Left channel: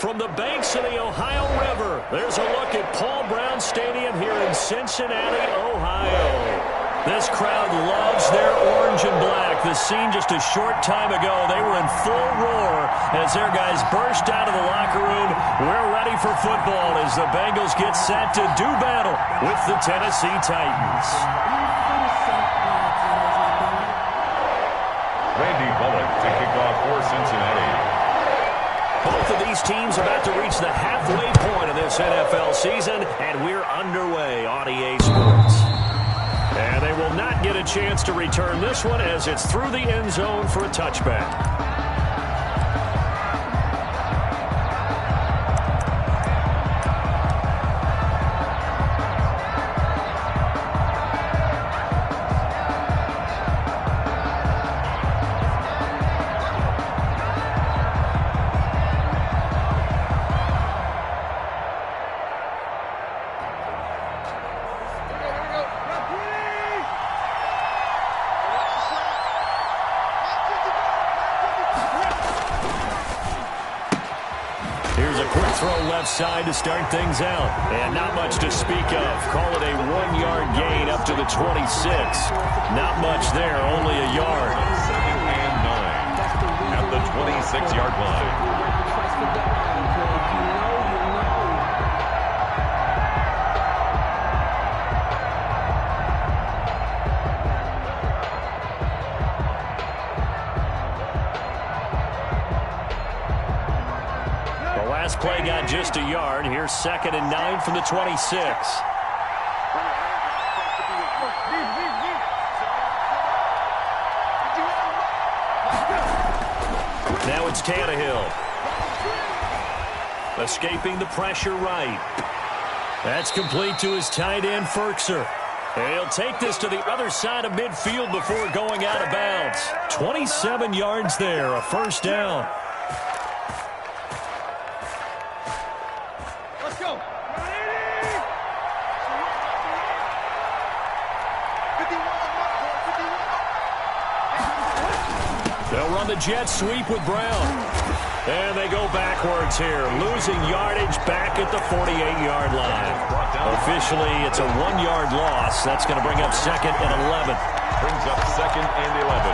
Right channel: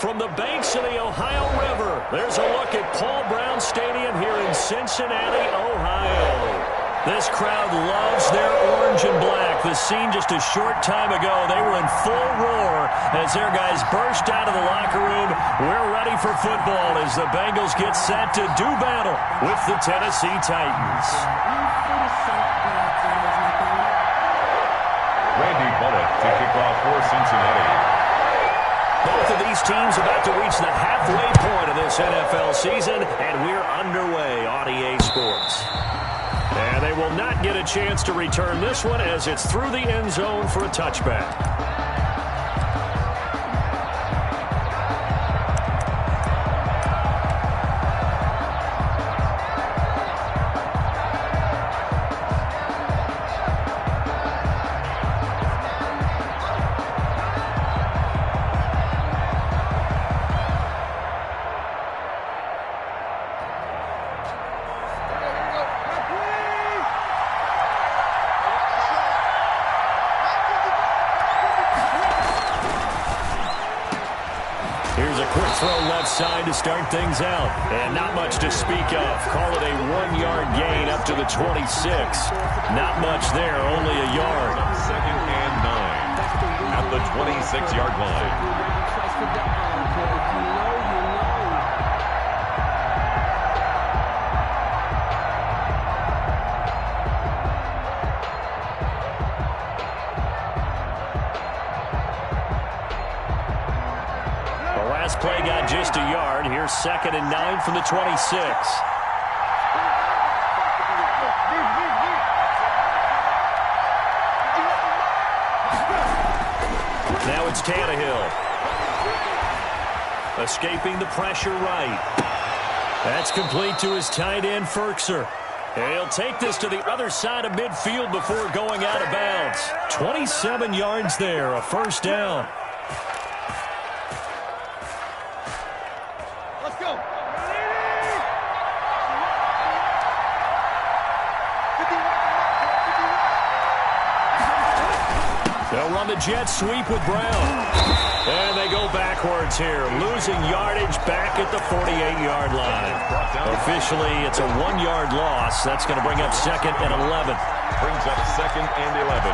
From the banks of the Ohio River, there's a look at Paul Brown Stadium here in Cincinnati, Ohio. This crowd loves their orange and black. The scene just a short time ago, they were in full roar as their guys burst out of the locker room. We're ready for football as the Bengals get set to do battle with the Tennessee Titans. Randy Bullock to kick off for Cincinnati. Both of these teams about to reach the halfway point of this NFL season, and we're underway on EA Sports. And they will not get a chance to return this one as it's through the end zone for a touchback. Here's a quick throw left side to start things out. And not much to speak of. Call it a 1-yard gain up to the 26. Not much there, only a yard. 2nd and 9 at the 26-yard line. Last play got just a yard. Here's 2nd and 9 from the 26. Now it's Tannehill. Escaping the pressure right. That's complete to his tight end, Ferkser. And he'll take this to the other side of midfield before going out of bounds. 27 yards there, a first down. They'll run the jet sweep with Brown. And they go backwards here, losing yardage back at the 48-yard line. Officially, it's a 1-yard loss. That's going to bring up 2nd and 11. Brings up 2nd and 11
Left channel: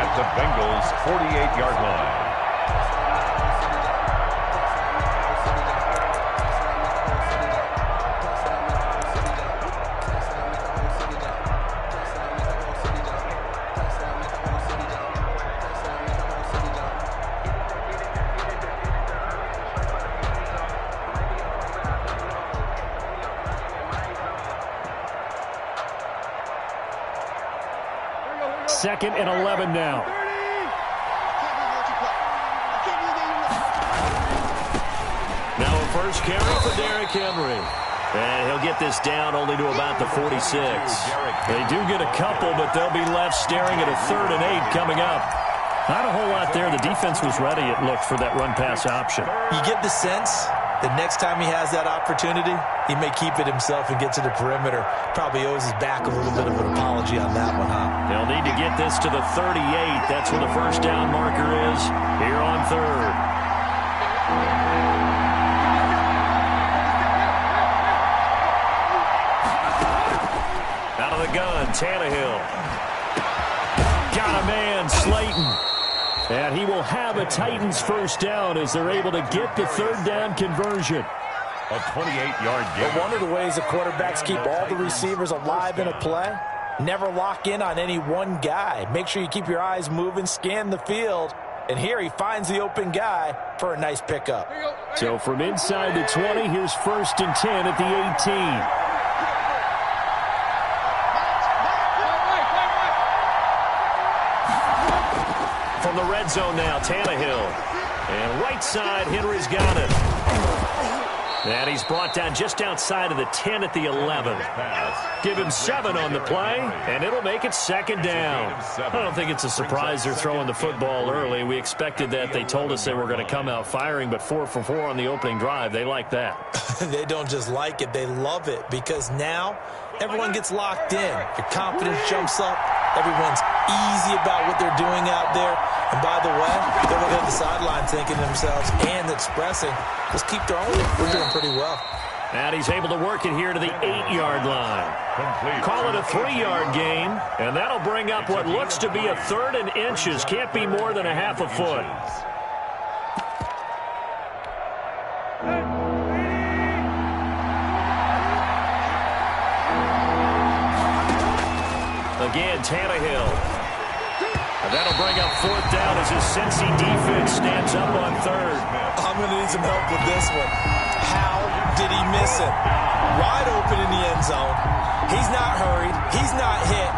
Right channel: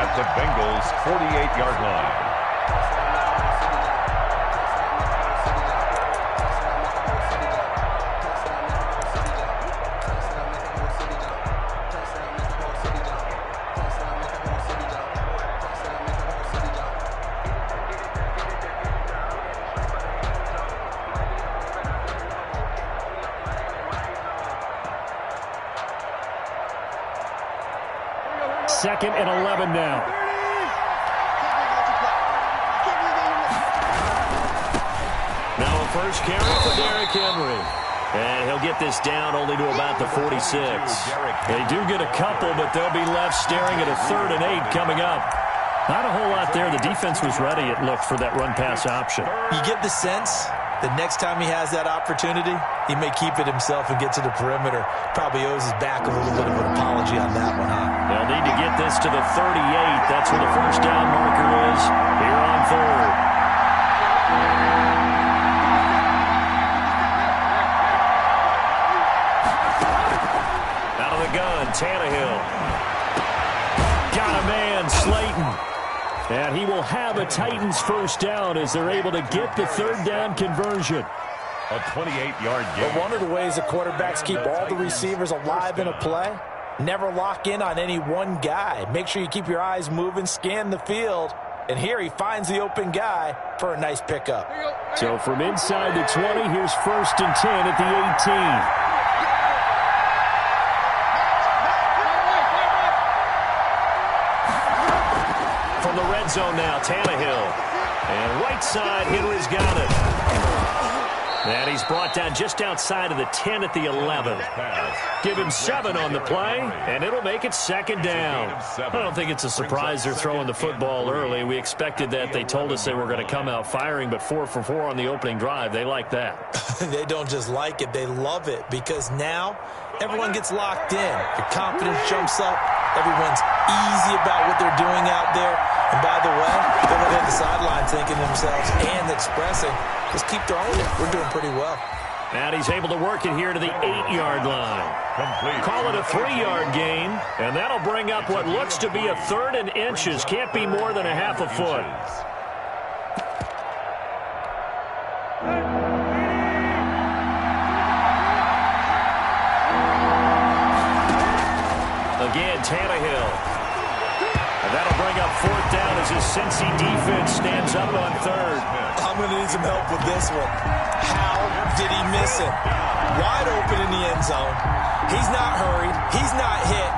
at the Bengals' 48-yard line. Second and 11 now. Now a first carry for Derrick Henry. And he'll get this down only to about the 46. They do get a couple, but they'll be left staring at a 3rd and 8 coming up. Not a whole lot there. The defense was ready, it looked, for that run-pass option. You get the sense that next time he has that opportunity, he may keep it himself and get to the perimeter. Probably owes his back a little bit of an apology on that one, huh? They'll need to get this to the 38. That's where the first down marker is here on 3rd. Out of the gun, Tannehill. Got a man, Slayton. And he will have a Titans first down as they're able to get the 3rd down conversion. A 28-yard gain. But one of the ways the quarterbacks keep all the receivers alive in a play, never lock in on any one guy. Make sure you keep your eyes moving, scan the field. And here he finds the open guy for a nice pickup. So from inside the 20, here's 1st and 10 at the 18. From the red zone now, Tannehill. And right side, Henry's got it. And he's brought down just outside of the 10 at the 11. Give him 7 on the play, and it'll make it 2nd down. I don't think it's a surprise they're throwing the football early. We expected that. They told us they were going to come out firing, but 4 for 4 on the opening drive. They like that. They don't just like it, they love it, because now everyone gets locked in. Your confidence jumps up. Everyone's easy about what they're doing out there. And by the way, they're looking at the sideline thinking to themselves and expressing, let's keep throwing it. We're doing pretty well. And he's able to work it here to the 8-yard line. Call it a 3-yard gain, and that'll bring up what looks to be a 3rd and inches. Can't be more than a half a foot. Again, Tannehill. And that'll bring up 4th down as his Cincy defense stands up on 3rd. I'm going to need some help with this one. How did he miss it? Wide open in the end zone. He's not hurried. He's not hit.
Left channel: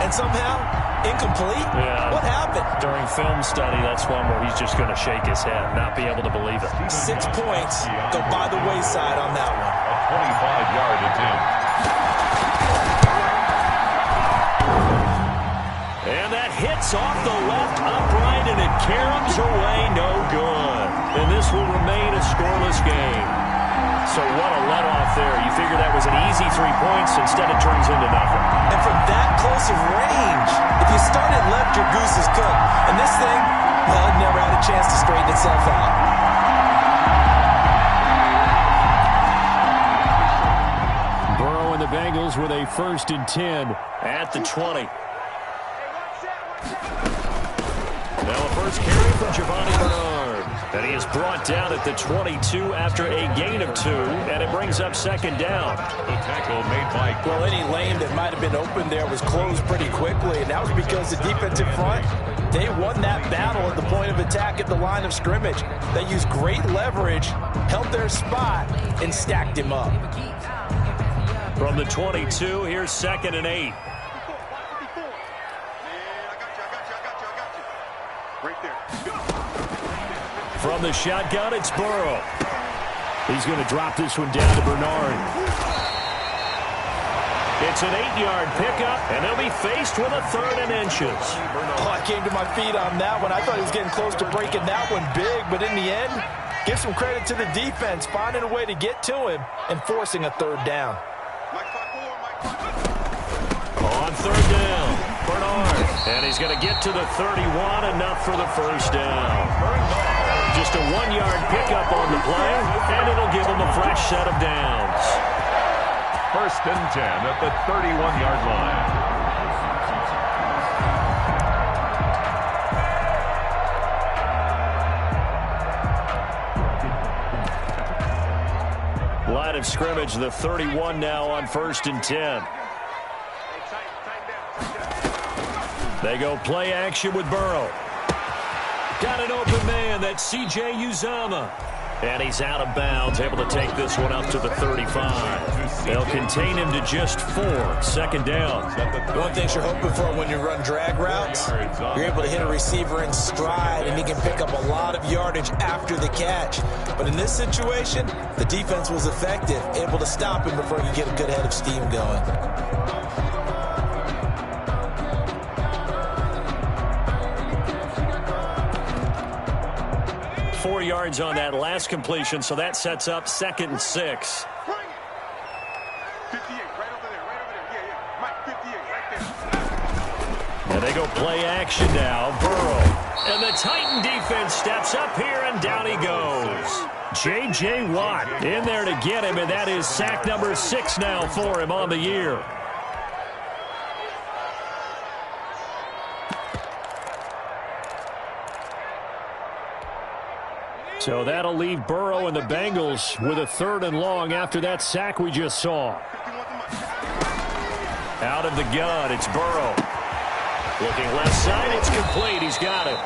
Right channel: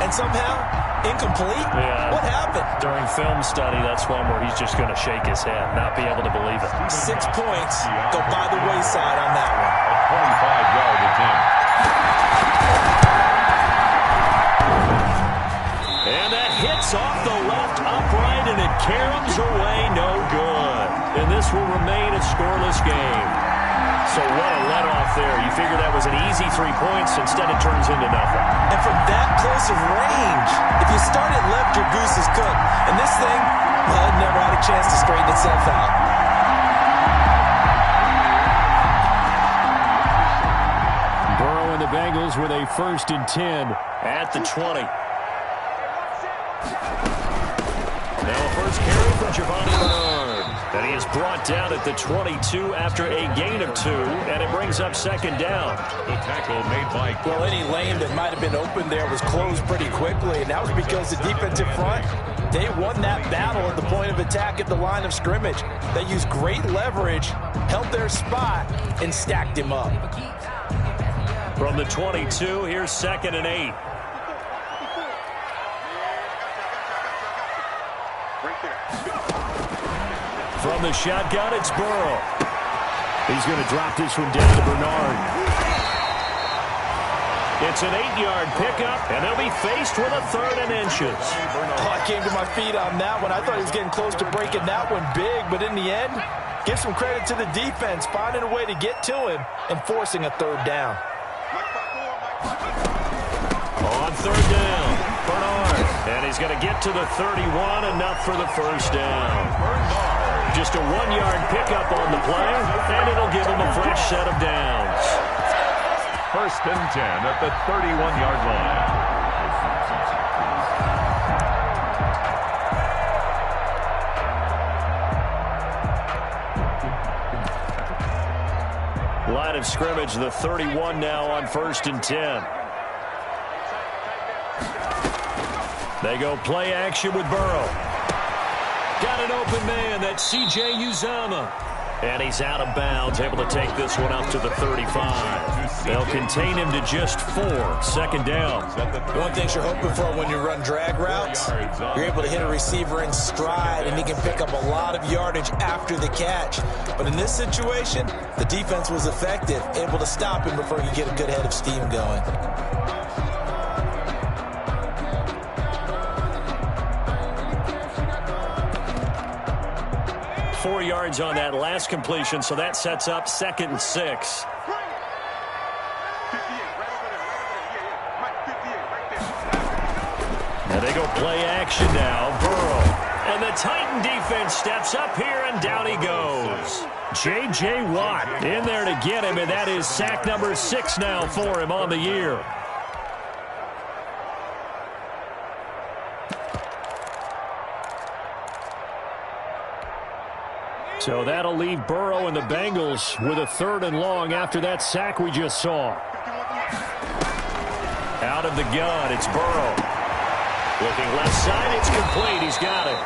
And somehow, incomplete? Yeah. What happened? During film study, that's one where he's just going to shake his head, not be able to believe it. 6 points go by the wayside on that one. A 25-yard attempt. And that hits off the left upright, and it caroms away, no good. And this will remain a scoreless game. So what a let-off there. You figure that was an easy 3 points. Instead, it turns into nothing. And from that close of range, if you start it left, your goose is cooked. And this thing, well, it never had a chance to straighten itself out. Burrow and the Bengals with a 1st and 10 at the 20. Now a first carry from Giovanni Bernard. And he is brought down at the 22 after a gain of 2, and it brings up 2nd down. The tackle made by... Well, any lane that might have been open there was closed pretty quickly, and that was because the defensive front, they won that battle at the point of attack at the line of scrimmage. They used great leverage, held their spot, and stacked him up. From the 22, here's 2nd and 8. From the shotgun, it's Burrow. He's going to drop this one down to Bernard. It's an 8-yard pickup, and they'll be faced with a 3rd and inches. Oh, I came to my feet on that one. I thought he was getting close to breaking that one big, but in the end, give some credit to the defense, finding a way to get to him and forcing a 3rd down. On 3rd down, Bernard. And he's going to get to the 31, enough for the 1st down. Just a 1-yard pickup on the play, and it'll give him a fresh set of downs. 1st and 10 at the 31-yard line. Line of scrimmage, the 31 now on 1st and 10. They go play action with Burrow. Got an open man. That's C.J. Uzomah. And he's out of bounds, able to take this one up to the 35. They'll contain him to just 4. 2nd down. One thing you're hoping for when you run drag routes, you're able to hit a receiver in stride, and he can pick up a lot of yardage after the catch. But in this situation, the defense was effective, able to stop him before he could get a good head of steam going. 4 yards on that last completion, so that sets up 2nd and 6. And they go play action now. Burrow. And the Titan defense steps up here, and down he goes. J.J. Watt in there to get him, and that is sack number 6 now for him on the year. So that'll leave Burrow and the Bengals with a 3rd and long after that sack we just saw. Out of the gun, it's Burrow. Looking left side, it's complete. He's got it.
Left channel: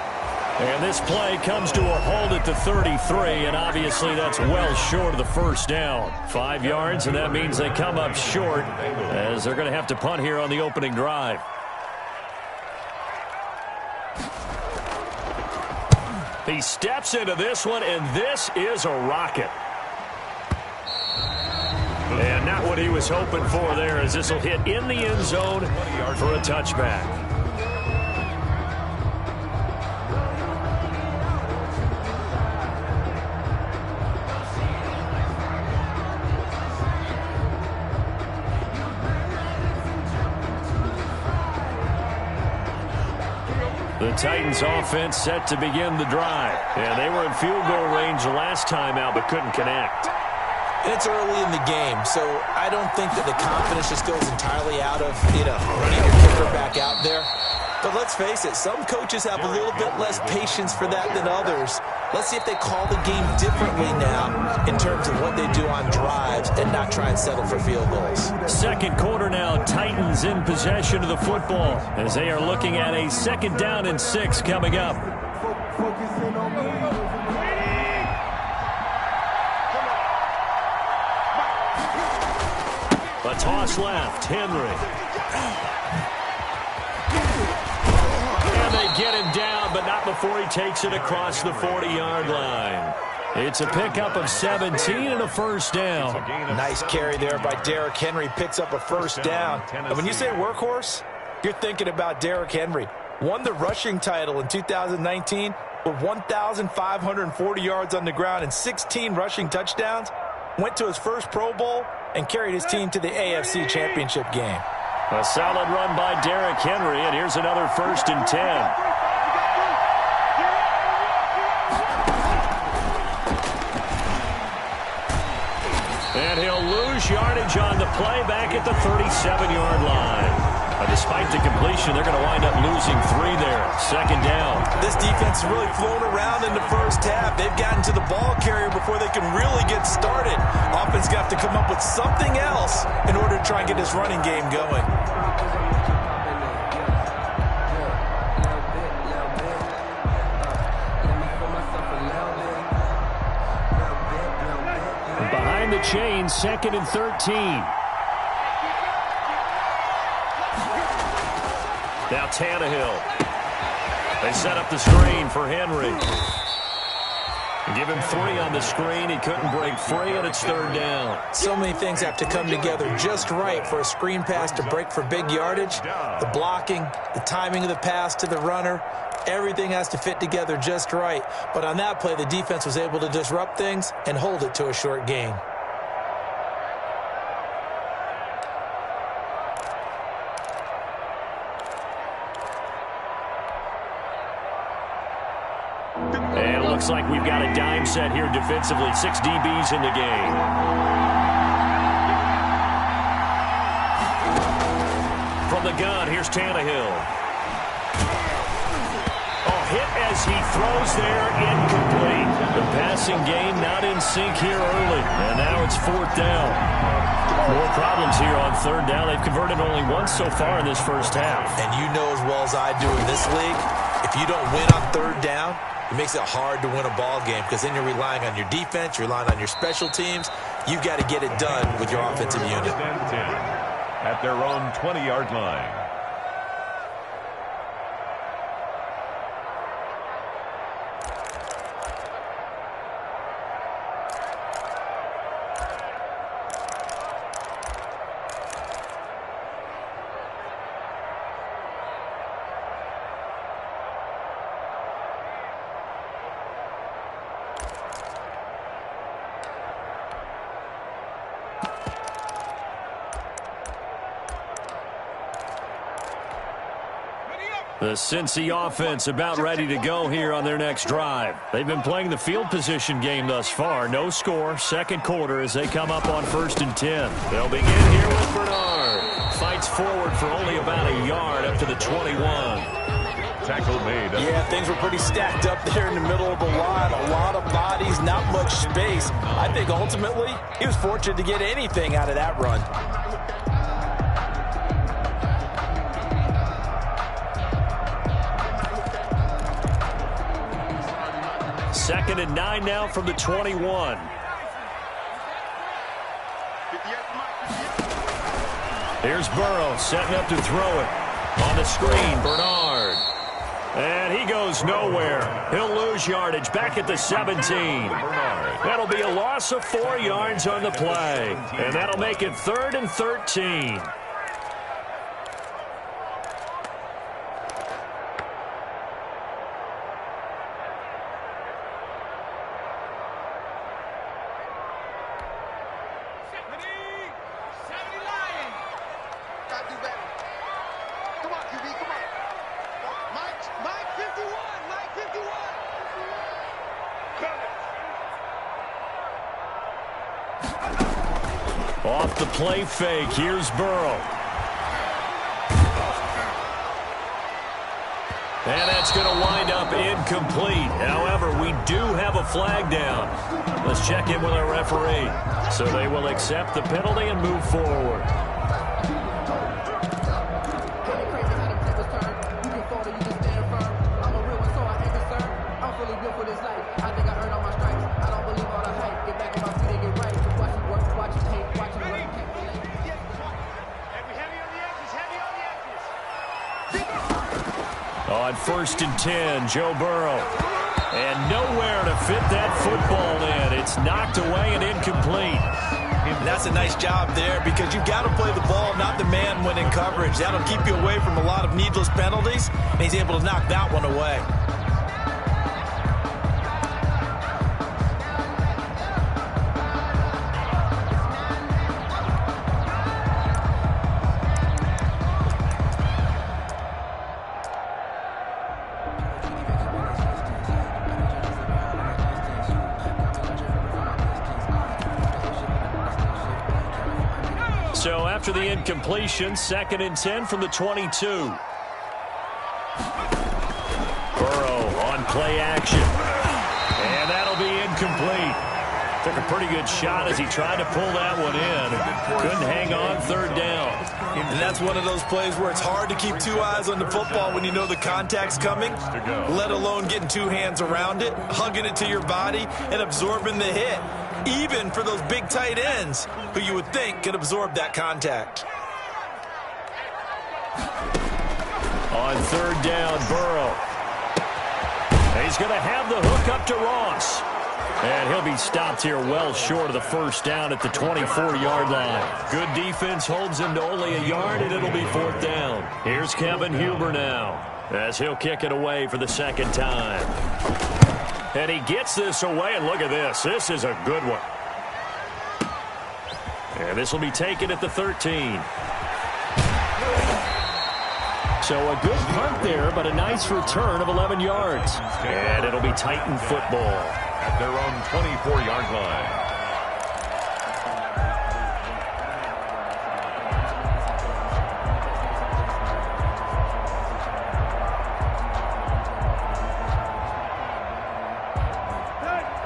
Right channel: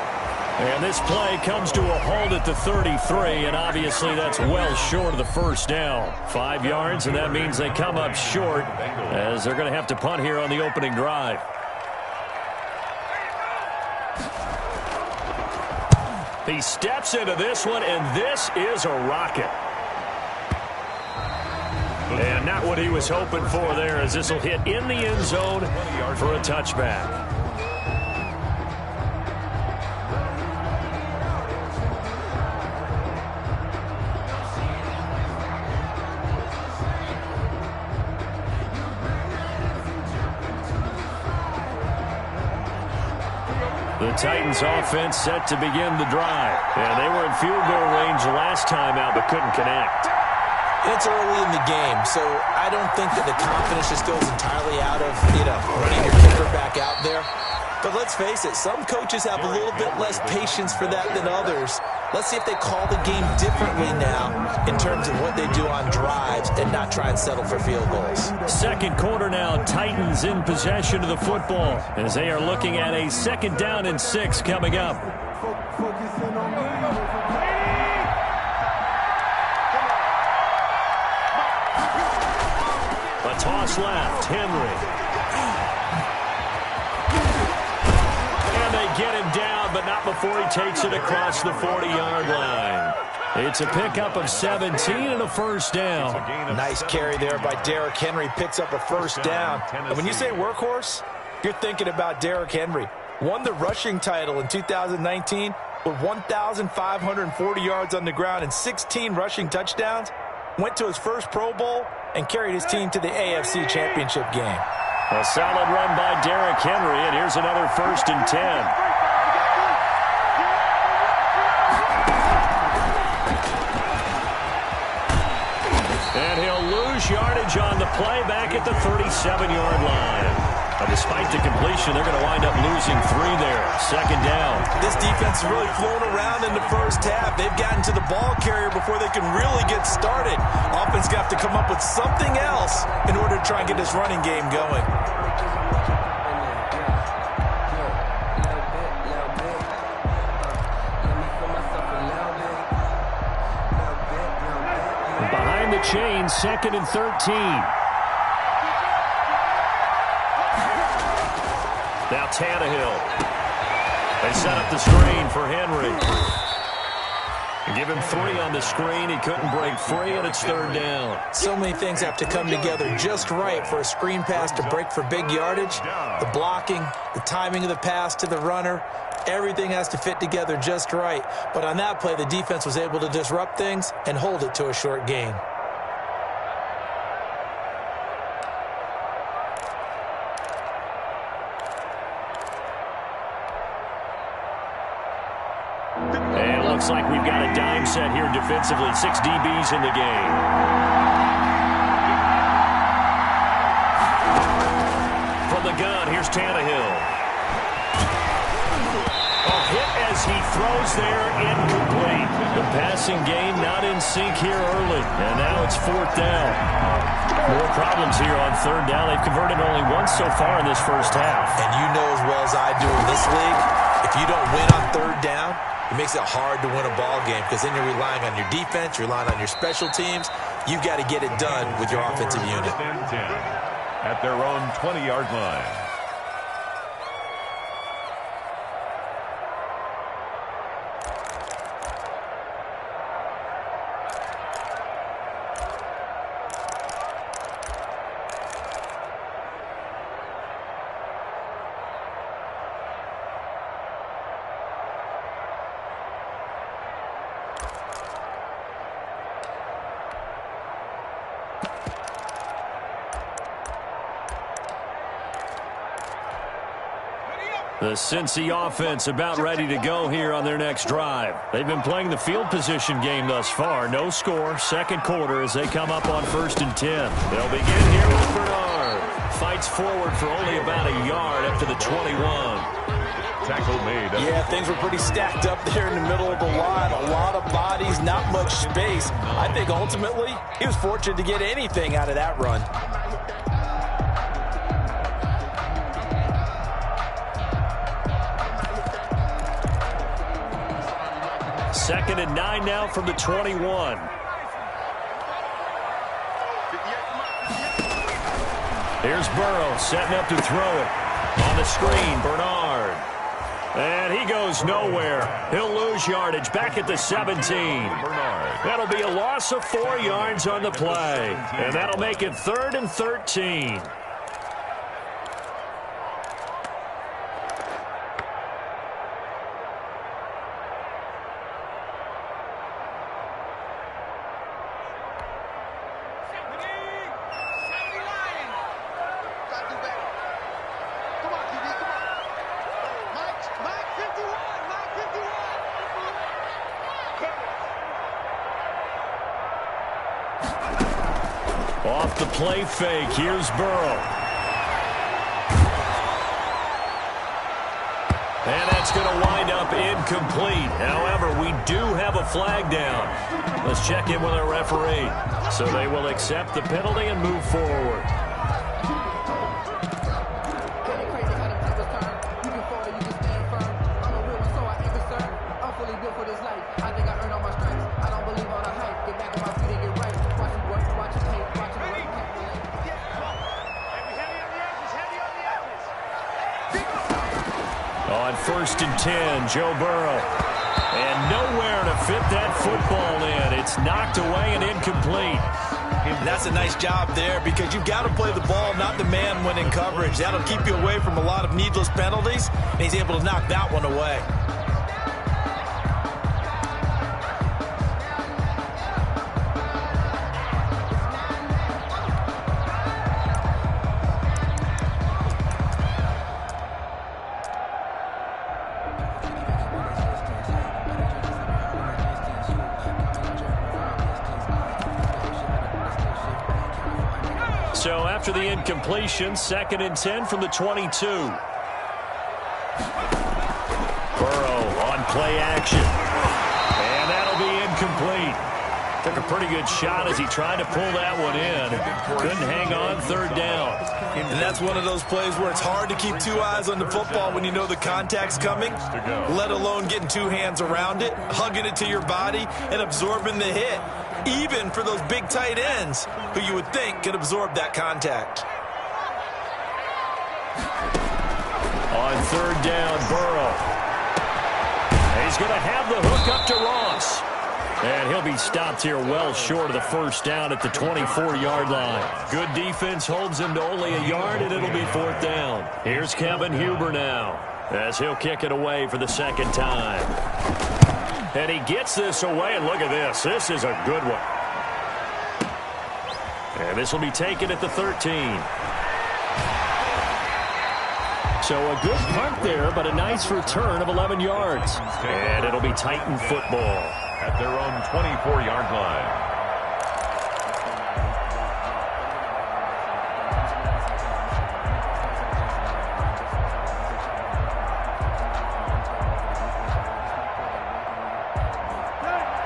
And this play comes to a halt at the 33, and obviously that's well short of the 1st down. 5 yards, and that means they come up short as they're going to have to punt here on the opening drive. He steps into this one, and this is a rocket. And not what he was hoping for there, as this will hit in the end zone for a touchback. The Titans offense set to begin the drive. And they were in field goal range the last time out but couldn't connect. It's early in the game, so I don't think that the confidence just goes entirely out of, running your kicker back out there. But let's face it, some coaches have a little bit less patience for that than others. Let's see if they call the game differently now in terms of what they do on drives and not try and settle for field goals. Second quarter now, Titans in possession of the football as they are looking at a 2nd down and 6 coming up. A toss left, Henry. And they get him down, but not before he takes it across the 40-yard line. It's a pickup of 17 and a first down. Nice carry there by Derrick Henry. Picks up a first down. And when you say workhorse, you're thinking about Derrick Henry. Won the rushing title in 2019 with 1,540 yards on the ground and 16 rushing touchdowns. Went to his first Pro Bowl and carried his team to the AFC Championship game. A solid run by Derrick Henry, and here's another 1st and 10. And he'll lose yardage on the play back at the 37-yard line. Despite the completion, they're going to wind up losing 3 there. 2nd down. This defense has really flown around in the first half. They've gotten to the ball carrier before they can really get started. Offense got to come up with something else in order to try and get this running game going. Behind the chain, 2nd and 13. Now Tannehill. They set up the screen for Henry. Give him 3 on the screen. He couldn't break free, and it's 3rd down. So many things have to come together just right for a screen pass to break for big yardage. The blocking, the timing of the pass to the runner, everything has to fit together just right. But on that play, the defense was able to disrupt things and hold it to a short gain. And it looks like we've got a dime set here defensively. 6 DBs in the game. From the gun, here's Tannehill. Oh, hit as he throws there, incomplete. The passing game not in sync here early. And now it's 4th down. More problems here on 3rd down. They've converted only once so far in this first half. And you know as well as I do in this league, if you don't win on 3rd down, it makes it hard to win a ball game because then you're relying on your defense, you're relying on your special teams. You've got to get it done with your offensive unit. 10 at their own 20-yard line. The Cincy offense about ready to go here on their next drive. They've been playing the field position game thus far. No score, 2nd quarter as they come up on 1st and 10. They'll begin here with Bernard. Fights forward for only about a yard up to the 21. Tackle made. Yeah, things were pretty stacked up there in the middle of the line. A lot of bodies, not much space. I think ultimately he was fortunate to get anything out of that run. 2nd and 9 now from the 21. Here's Burrow setting up to throw it. On the screen, Bernard. And he goes nowhere. He'll lose yardage back at the 17. Bernard. That'll be a loss of 4 yards on the play. And that'll make it 3rd and 13. Off the play fake, here's Burrow. And that's going to wind up incomplete. However, we do have a flag down. Let's check in with our referee. So they will accept the penalty and move forward. For this life, I think I earned all my stripes. I don't believe all the hype. Get back on my feet and get right. Watch him work, watch him hate, watch him work. On 1st and 10, Joe Burrow. And nowhere to fit that football in. It's knocked away and incomplete. And that's a nice job there because you've got to play the ball, not the man when in coverage. That'll keep you away from a lot of needless penalties, and he's able to knock that one away. So after the incompletion, 2nd and 10 from the 22. Burrow on play action. And that'll be incomplete. Took a pretty good shot as he tried to pull that one in. Couldn't hang on, 3rd down. And that's one of those plays where it's hard to keep 2 eyes on the football when you know the contact's coming, let alone getting 2 hands around it, hugging it to your body, and absorbing the hit. Even for those big tight ends who you would think could absorb that contact. On 3rd down, Burrow. He's going to have the hook up to Ross. And he'll be stopped here well short of the 1st down at the 24-yard line. Good defense holds him to only a yard, and it'll be 4th down. Here's Kevin Huber now as he'll kick it away for the 2nd time. And he gets this away, and look at this. This is a good one. And this will be taken at the 13. So a good punt there, but a nice return of 11 yards. And it'll be Titan football. At their own 24-yard line.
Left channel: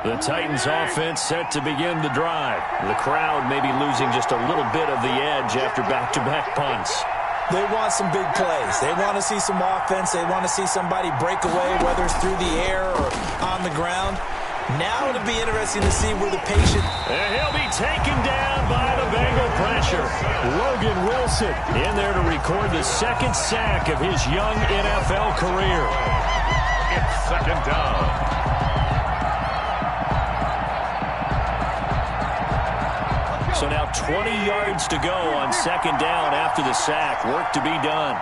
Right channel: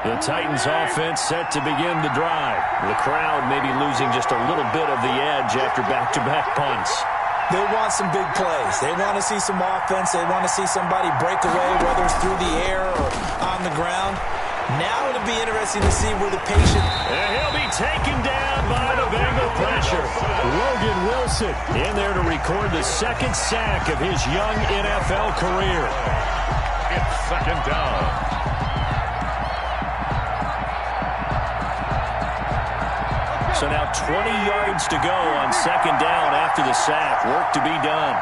The Titans offense set to begin the drive. The crowd may be losing just a little bit of the edge after back-to-back punts. They want some big plays. They want to see some offense. They want to see somebody break away, whether it's through the air or on the ground. Now it'll be interesting to see where the patient... And he'll be taken down by the Bengal pressure. Logan Wilson in there to record the 2nd sack of his young NFL career. It's 2nd down. So now 20 yards to go on 2nd down after the sack. Work to be done.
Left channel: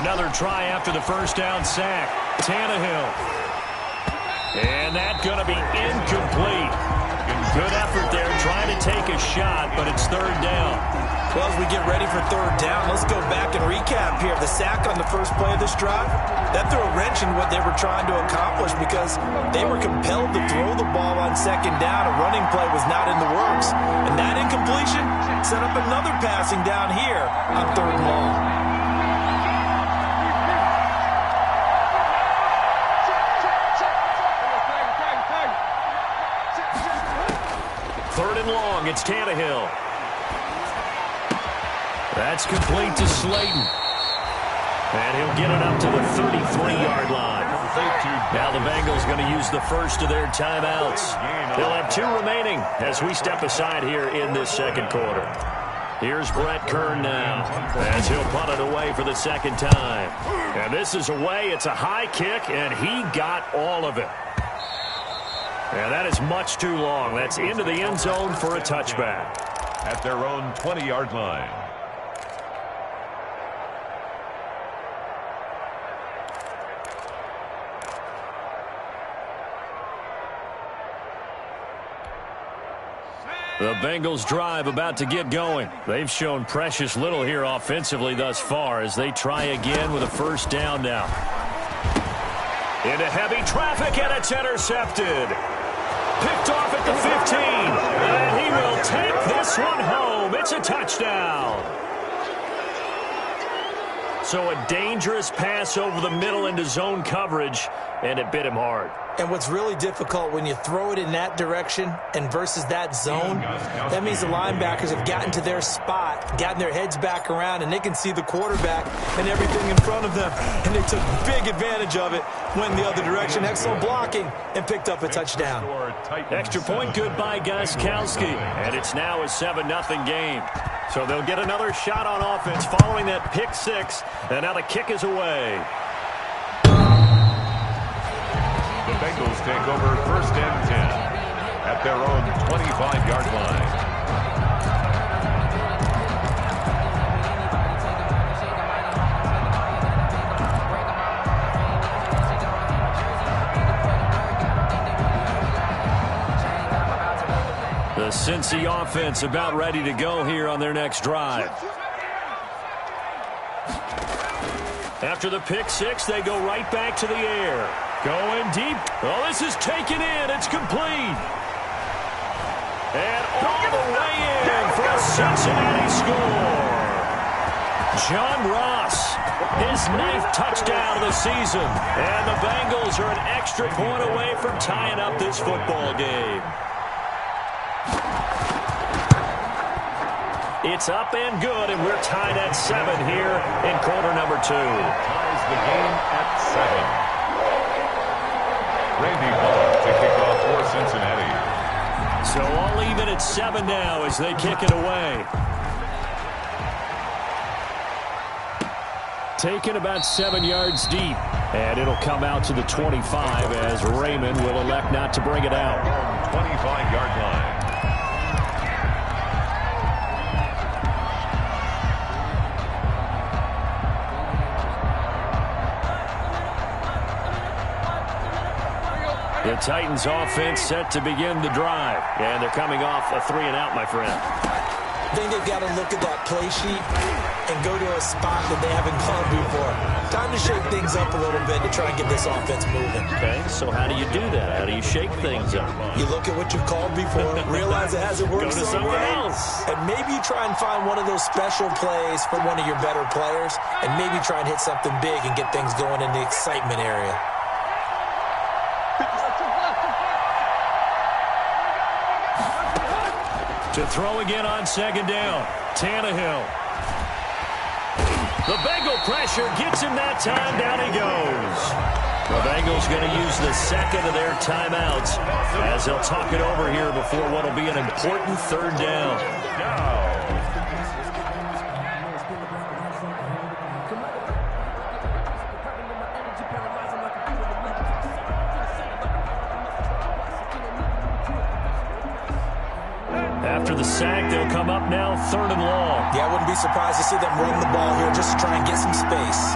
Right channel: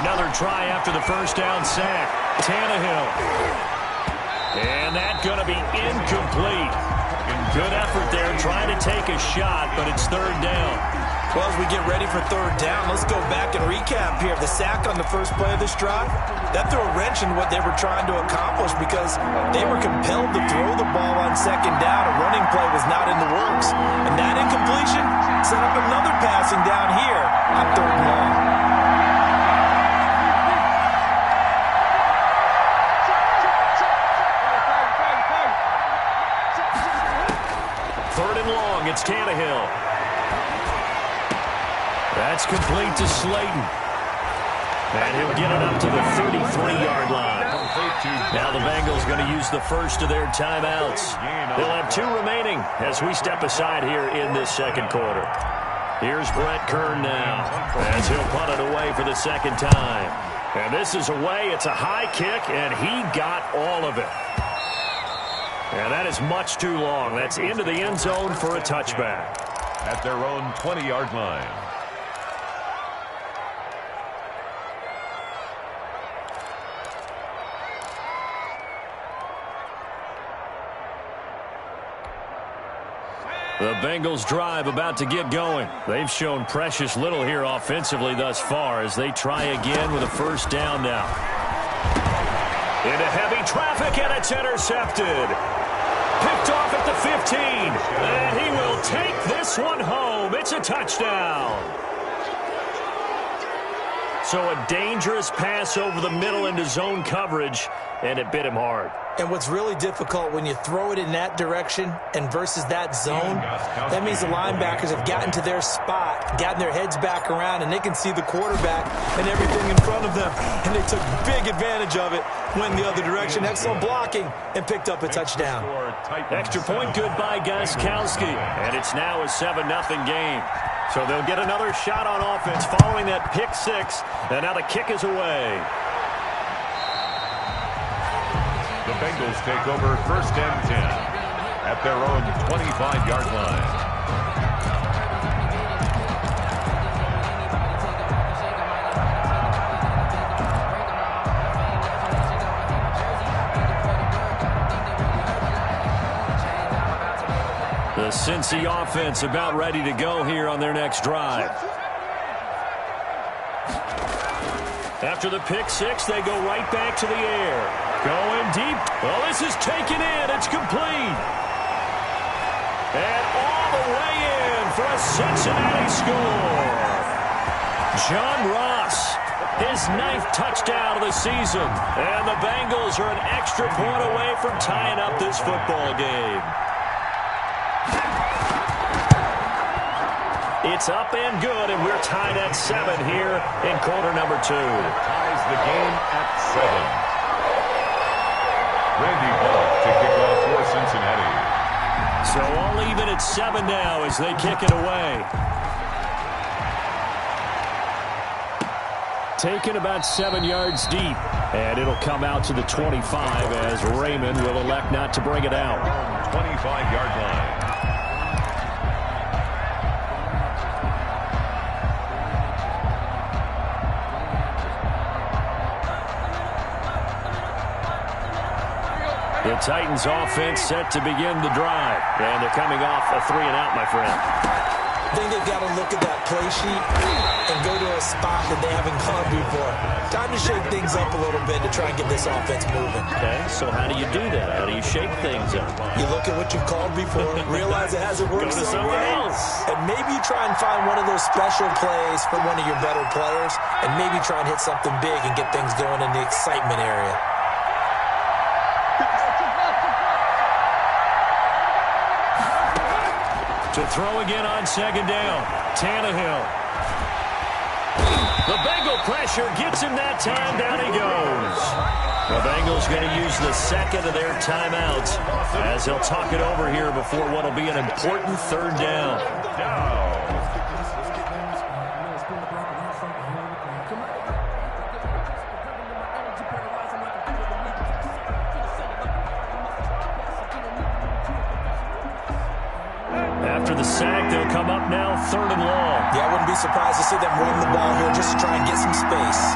Another try after the 1st down sack. Tannehill. And that's going to be incomplete. Good effort there trying to take a shot, but it's 3rd down. Well, as we get ready for 3rd down, let's go back and recap here. The sack on the first play of this drive, that threw a wrench in what they were trying to accomplish because they were compelled to throw the ball on 2nd down. A running play was not in the works. And that incompletion set up another passing down here on 3rd and long. It's Tannehill. That's complete to Slayton. And he'll get it up to the 33-yard line. Now the Bengals going to use the first of their timeouts. They'll have 2 remaining as we step aside here in this 2nd quarter. Here's Brett Kern now as he'll punt it away for the 2nd time. And this is away. It's a high kick, and he got all of it. And that is much too long. That's into the end zone for a touchback. At their own 20-yard line. The Bengals drive about to get going. They've shown precious little here offensively thus far as they try again with a 1st down now. Into heavy traffic, and it's intercepted. picked off at the 15. And he will take this one home. It's a touchdown. So a dangerous pass over the middle into zone coverage, and it bit him hard. And what's really difficult when you throw it in that direction and versus that zone, that means the linebackers have gotten to their spot, gotten their heads back around, and they can see the quarterback and everything in front of them. And they took big advantage of it, went the other direction, excellent blocking, and picked up a touchdown. Extra point good by Gostkowski, and it's now a 7-0 game. So they'll get another shot on offense following that pick six, and now the kick is away. The Bengals take over 1st and 10 at their own 25-yard line. The Cincy offense about ready to go here on their next drive. After the pick six, they go right back to the air. Going deep. Oh, this is taken in. It's complete. And all the way in for a Cincinnati score. John Ross, his 9th touchdown of the season. And the Bengals are an extra point away from tying up this football game. It's up and good, and we're tied at 7 here in quarter number 2. Ties the game at 7. Randy Bullock to kick off for Cincinnati. So all even at 7 now as they kick it away. Taken about 7 yards deep. And it'll come out to the 25 as Raymond will elect not to bring it out. 25-yard line. The Titans offense set to begin the drive. And they're coming off a 3-and-out, my friend. I think they've got to look at that play sheet and go to a spot that they haven't gone before. Time to shake things up a little bit to try and get this offense moving. Okay, so how do you do that? How do you shake things up? You look at what you've called before, realize it hasn't worked Go to so something well, else. and maybe you try and find one of those special plays for one of your better players, and maybe try and hit something big and get things going in the excitement area. To throw again on 2nd down. Tannehill. The Bengal pressure gets him that time. Down he goes. The Bengals going to use the 2nd of their timeouts as they'll talk it over here before what will be an important 3rd down. After the sack, they'll come up now 3rd and long. Yeah, I wouldn't be surprised to see them run the ball here just to try and get some space.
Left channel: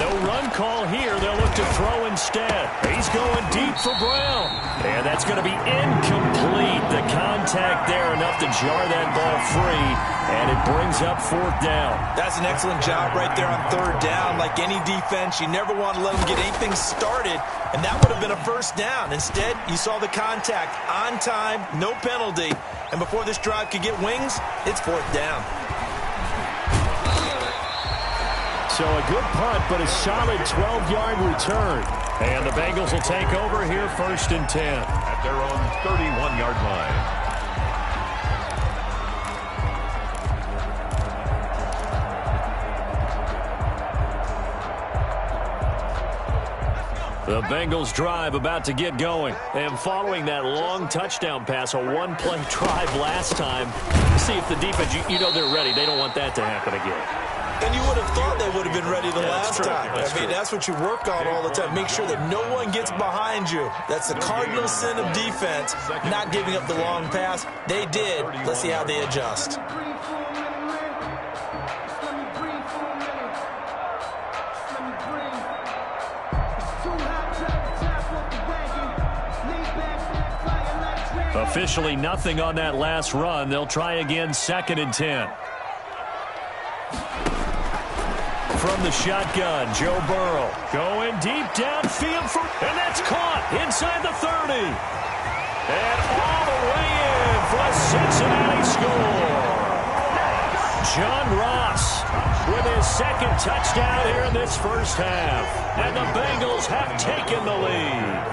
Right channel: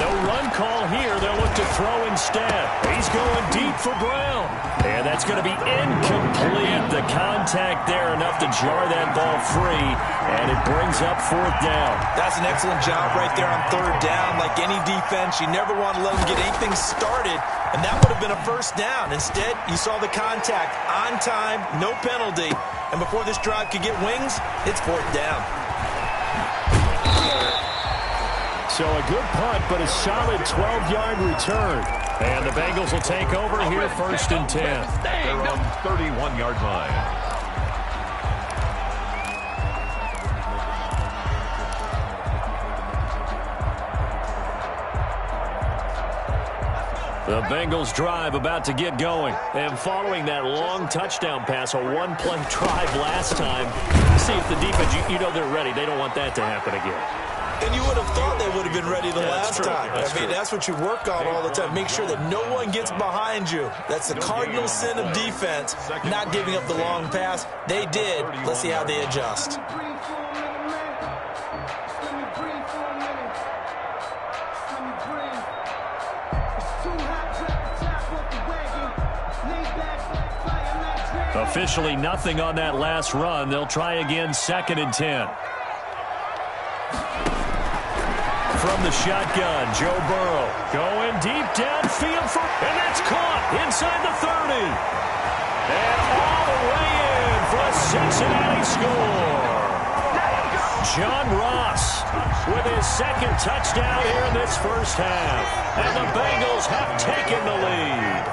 No run call here. They'll look to throw instead. He's going deep for Brown. And that's going to be incomplete. The contact there enough to jar that ball free. And it brings up 4th down. That's an excellent job right there on 3rd down. Like any defense, you never want to let them get anything started. And that would have been a 1st down. Instead, you saw the contact on time, no penalty. And before this drive could get wings, it's 4th down. So a good punt, but a solid 12-yard return. And the Bengals will take over here 1st and 10. At their own 31-yard line. The Bengals drive about to get going. And following that long touchdown pass, a one-play drive last time, see if the defense, you know they're ready. They don't want that to happen again. And you would have thought they would have been ready the last time. That's true. That's what you work on all the time. Make sure that no one gets behind you. That's the cardinal sin of defense, not giving up the long pass. They did. Let's see how they adjust. Too hot, drop the top off the wagon. Lay back, fire like dragon. Officially nothing on that last run. They'll try again, 2nd and 10. From the shotgun, Joe Burrow going deep downfield, and that's caught inside the 30. And all the way in for a Cincinnati score. John Ross with his 2nd touchdown here in this first half. And the Bengals have taken the lead.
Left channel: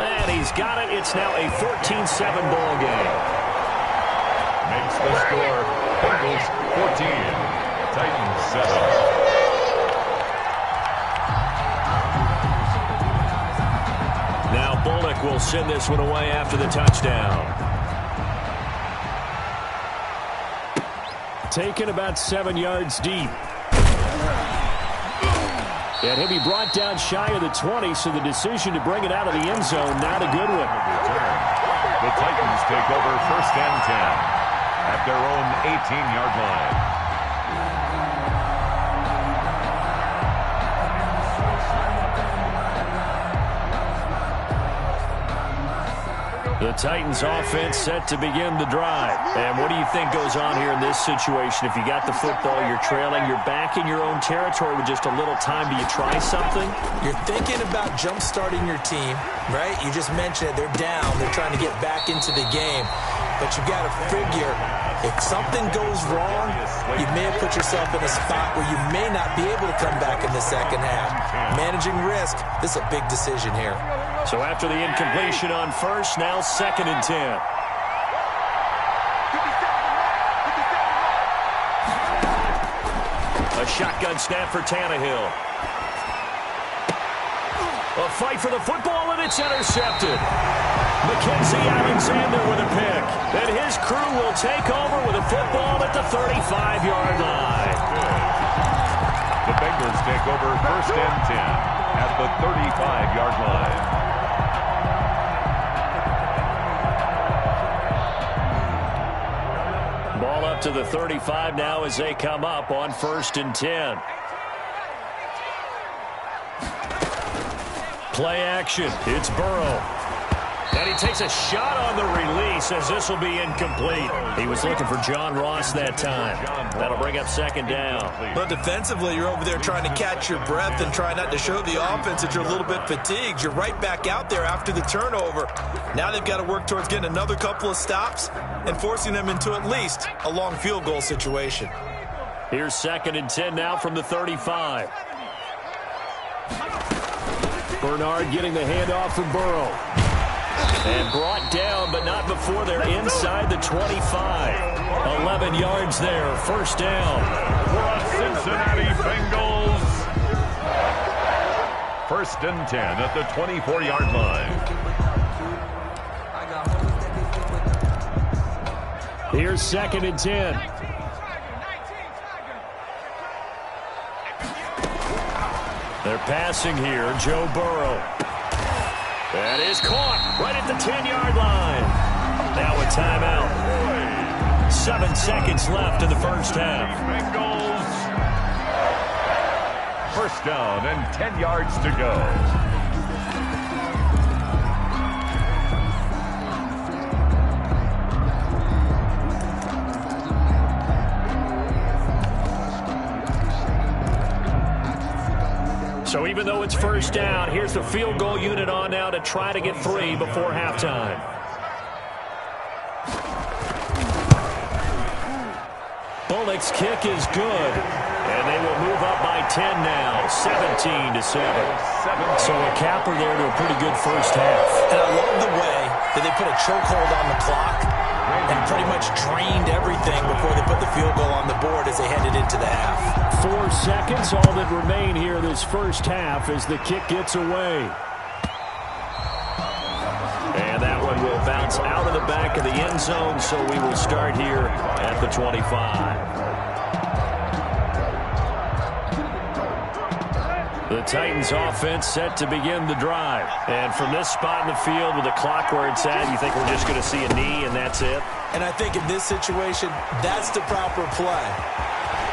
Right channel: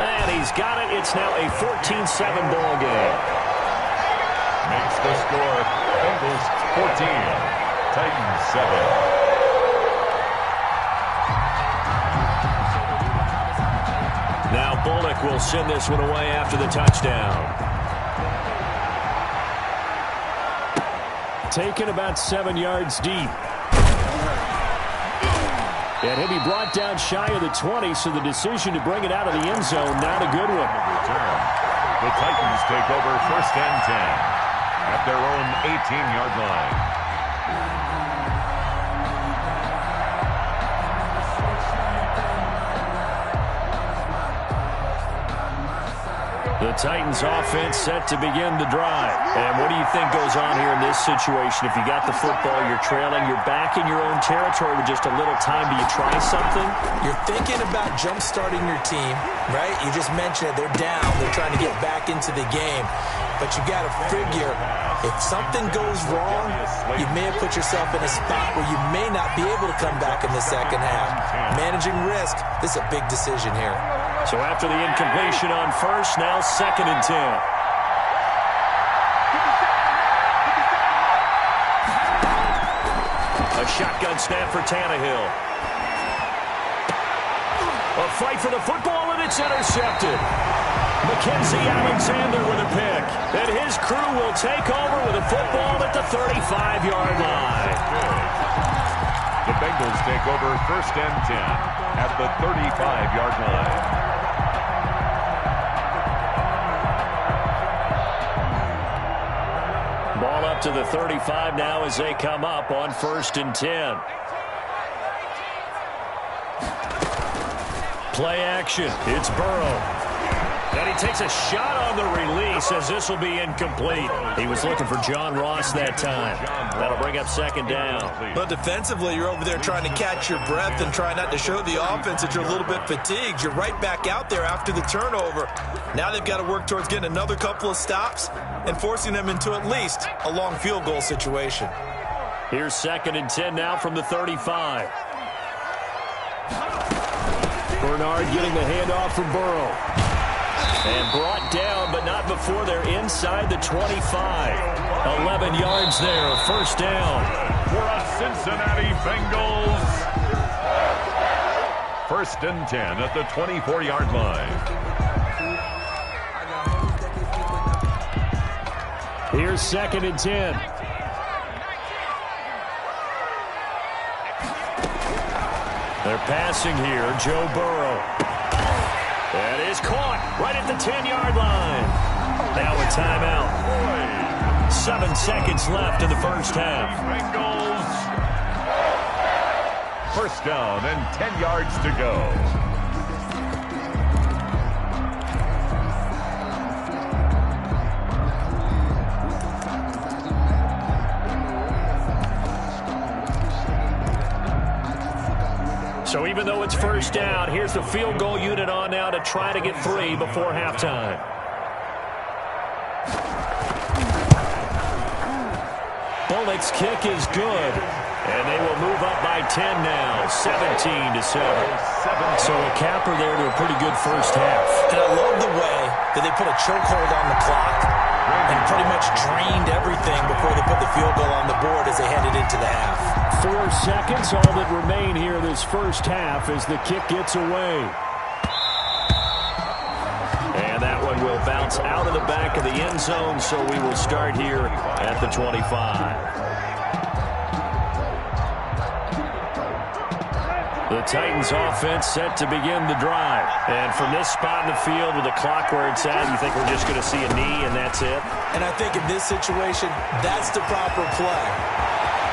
And he's got it. It's now a 14-7 ball game. Makes the score Bengals 14, Titans 7. Now Bullock will send this one away after the touchdown. Taken about 7 yards deep. And he'll be brought down shy of the 20, so the decision to bring it out of the end zone, not a good one. Return. The Titans take over 1st and 10 at their own 18-yard line. The Titans offense set to begin the drive. And what do you think goes on here in this situation? If you got the football, you're trailing, you're back in your own territory with just a little time. Do you try something? You're thinking about jump-starting your team, right? You just mentioned it. They're down. They're trying to get back into the game. But you got to figure, if something goes wrong, you may have put yourself in a spot where you may not be able to come back in the second half. Managing risk, this is a big decision here. So after the incompletion on first, now 2nd and 10. A shotgun snap for Tannehill. A fight for the football, and it's intercepted. Mackenzie Alexander with a pick. And his crew will take over with a football at the 35-yard line. The Bengals take over 1st and 10 at the 35-yard line. Ball up to the 35 now as they come up on 1st and 10. Play action. It's Burrow. And he takes a shot on the release as this will be incomplete. He was looking for John Ross that time. That'll bring up 2nd down. But defensively, you're over there trying to catch your breath and try not to show the offense that you're a little bit fatigued. You're right back out there after the turnover. Now they've got to work towards getting another couple of stops and forcing them into at least a long field goal situation. Here's 2nd and 10 now from the 35. Bernard getting the handoff from Burrow. And brought down, but not before they're inside the 25. 11 yards there, 1st down. For a Cincinnati Bengals. 1st and 10 at the 24-yard line. Here's 2nd and 10. They're passing here, Joe Burrow. That is caught right at the 10-yard line. Now a timeout. 7 seconds left in the first half. Bengals. 1st down and 10 yards to go. So even though it's 1st down, here's the field goal unit on now to try to get 3 before halftime. Bullock's kick is good. And they will move up by 10 now, 17-7. So a capper there to a pretty good first half. And I love the way that they put a chokehold on the clock and pretty much drained everything before they put the field goal on the board as they headed into the half. 4 seconds, all that remain here this first half as the kick gets away. And that one will bounce out of the back of the end zone, so we will start here at the 25. The Titans offense set to begin the drive. And from this spot in the field with the clock where it's at, you think we're just going to see a knee and that's it? And I think in this situation, that's the proper play.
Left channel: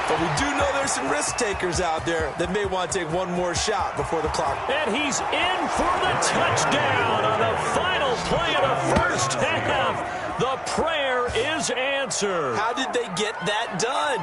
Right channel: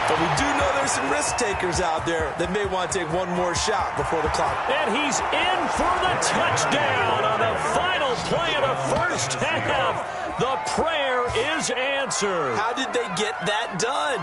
But we do know there's some risk takers out there that may want to take one more shot before the clock. And he's in for the touchdown on the final play of the first half. The prayer is answered. How did they get that done?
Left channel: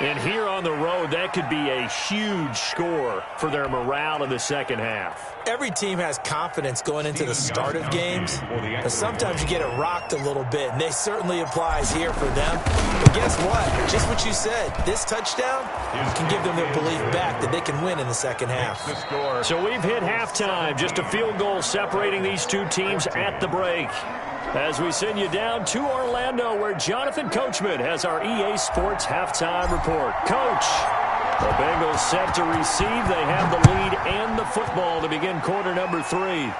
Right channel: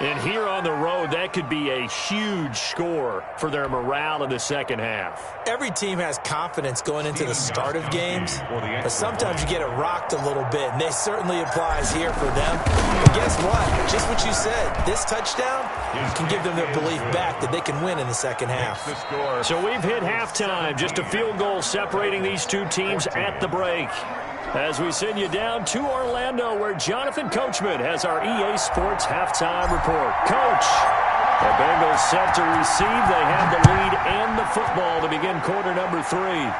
And here on the road, that could be a huge score for their morale in the second half. Every team has confidence going into the start of games, but sometimes you get it rocked a little bit, and this certainly applies here for them. But guess what? Just what you said, this touchdown can give them their belief back that they can win in the second half. So we've hit halftime, just a field goal separating these two teams at the break. As we send you down to Orlando, where Jonathan Coachman has our EA Sports halftime report. Coach, the Bengals set to receive. They have the lead and the football to begin quarter number 3.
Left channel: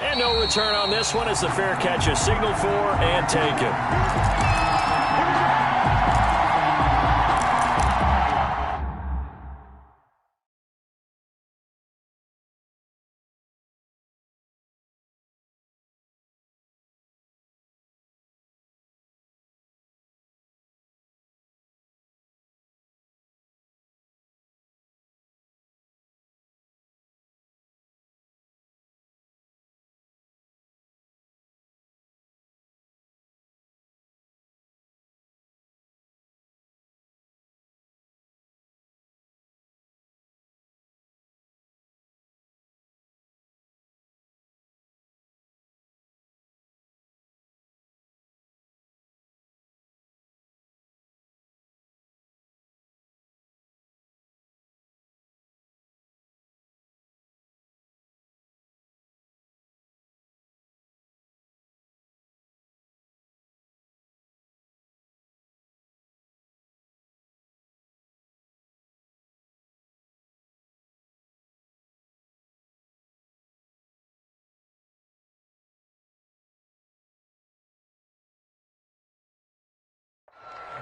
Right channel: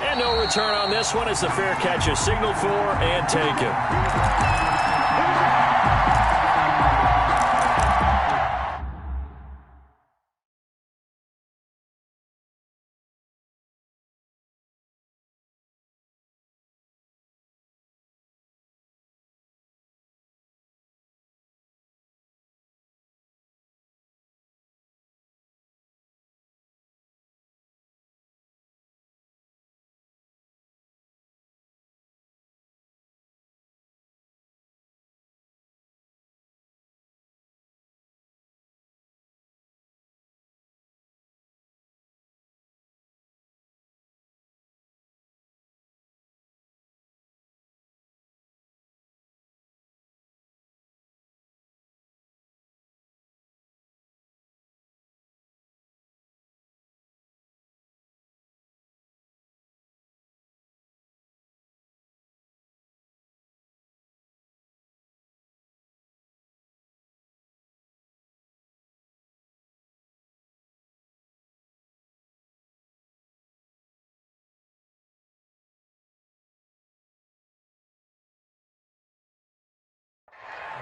And no return on this one as the fair catch is signaled for and taken.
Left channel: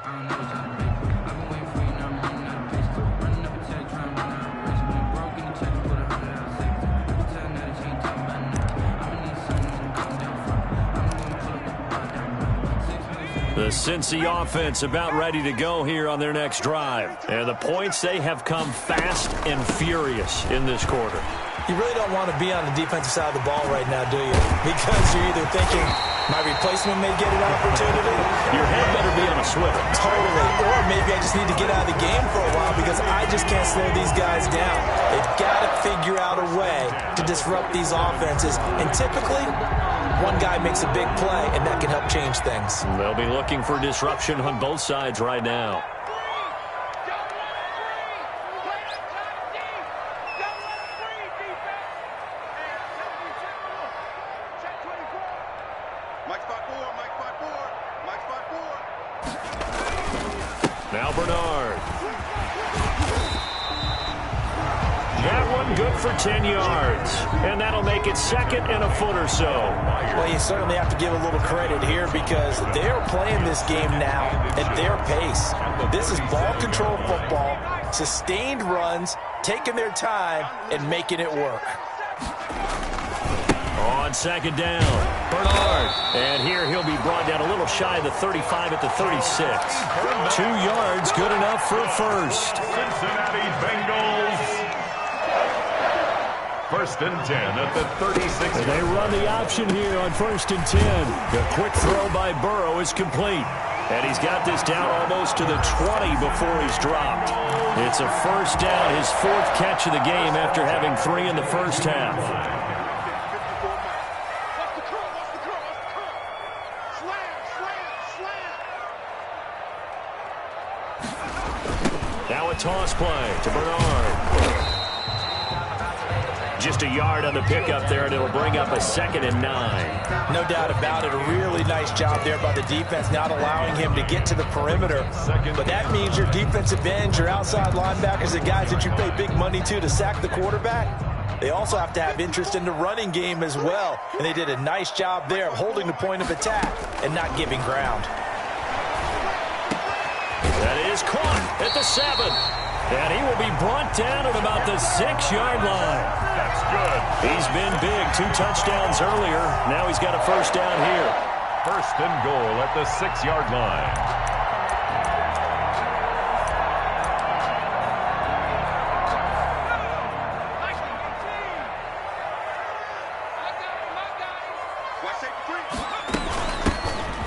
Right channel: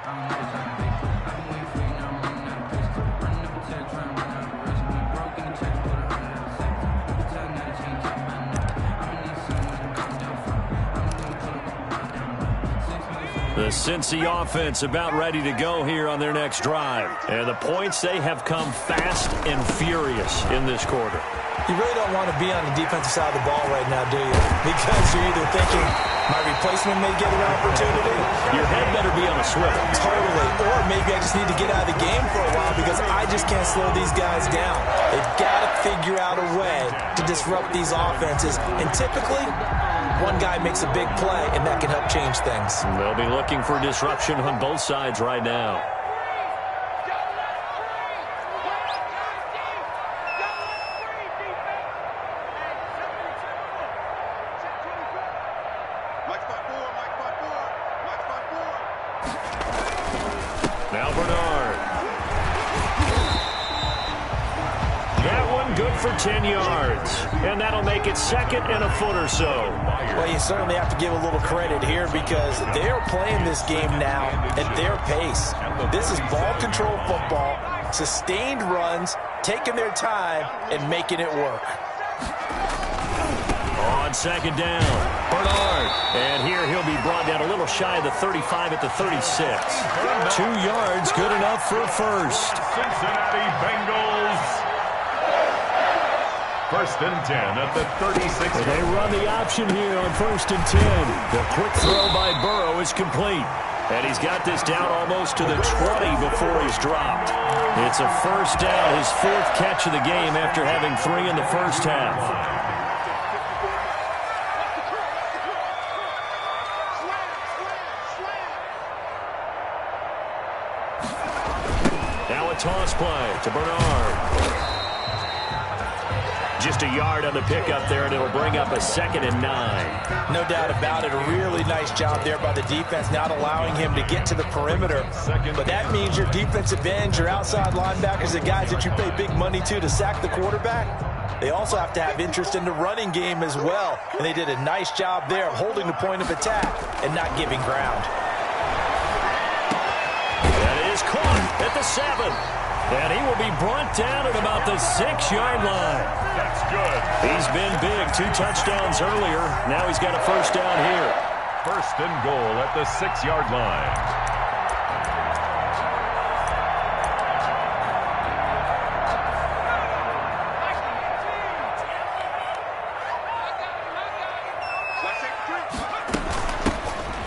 I don't know what's on the paper. I've been waiting for you, now I'm running out of pace. Running up a check, trying to run out of race. Went broke in the checks, put 100 out of savings. I can tell now that you ain't talking about nothing. I'ma need something to calm down from. I'm gonna pull up with the ball down right. 6 minutes. The Cincy offense about ready to go here on their next drive. And the points, they have come fast and furious in this quarter. You really don't want to be on the defensive side of the ball right now, do you? Because you're either thinking, my replacement may get an opportunity. Your head better be on a swivel. Totally. Or maybe I just need to get out of the game for a while because I just can't slow these guys down. They've got to figure out a way to disrupt these offenses. And typically, one guy makes a big play, and that can help change things. They'll be looking for disruption on both sides right now. Now Bernard. That one good for 10 yards. And that'll make it second and a foot or so. Well, you certainly have to give a little credit here because they're playing this game now at their pace. This is ball control football, sustained runs, taking their time, and making it work. On second down, Bernard. And here he'll be brought down a little shy of the 35 at the 36. 2 yards, good enough for a first. Cincinnati Bengals. First and 10 at the 36. And they run the option here on first and 10. The quick throw by Burrow is complete. And he's got this down almost to the 20 before he's dropped. It's a first down, his 4th catch of the game after having 3 in the first half. Now a toss play to Bernard. Just a yard on the pickup there, and it'll bring up a 2nd and 9. No doubt about it. A really nice job there by the defense, not allowing him to get to the perimeter. But that means your defensive ends, your outside linebackers, the guys that you pay big money to sack the quarterback, they also have to have interest in the running game as well. And they did a nice job there of holding the point of attack and not giving ground. That is caught at the 7. And he will be brought down at about the 6-yard line. That's good. He's been big. 2 touchdowns earlier. Now he's got a first down here. First and goal at the 6-yard line.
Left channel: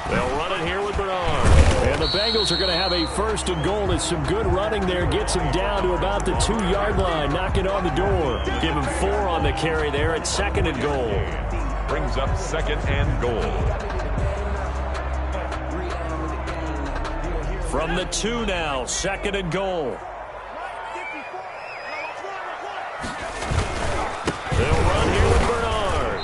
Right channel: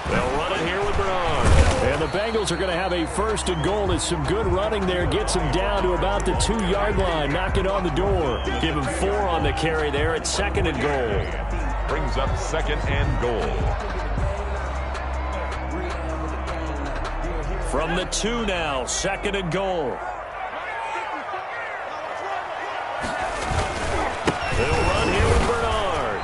They'll run it here with Bernard. And the Bengals are going to have a first and goal. As some good running there gets him down to about the 2-yard line. Knock it on the door. Give him 4 on the carry there at second and goal. Brings up second and goal. From the 2 now, second and goal. They'll run here with Bernard.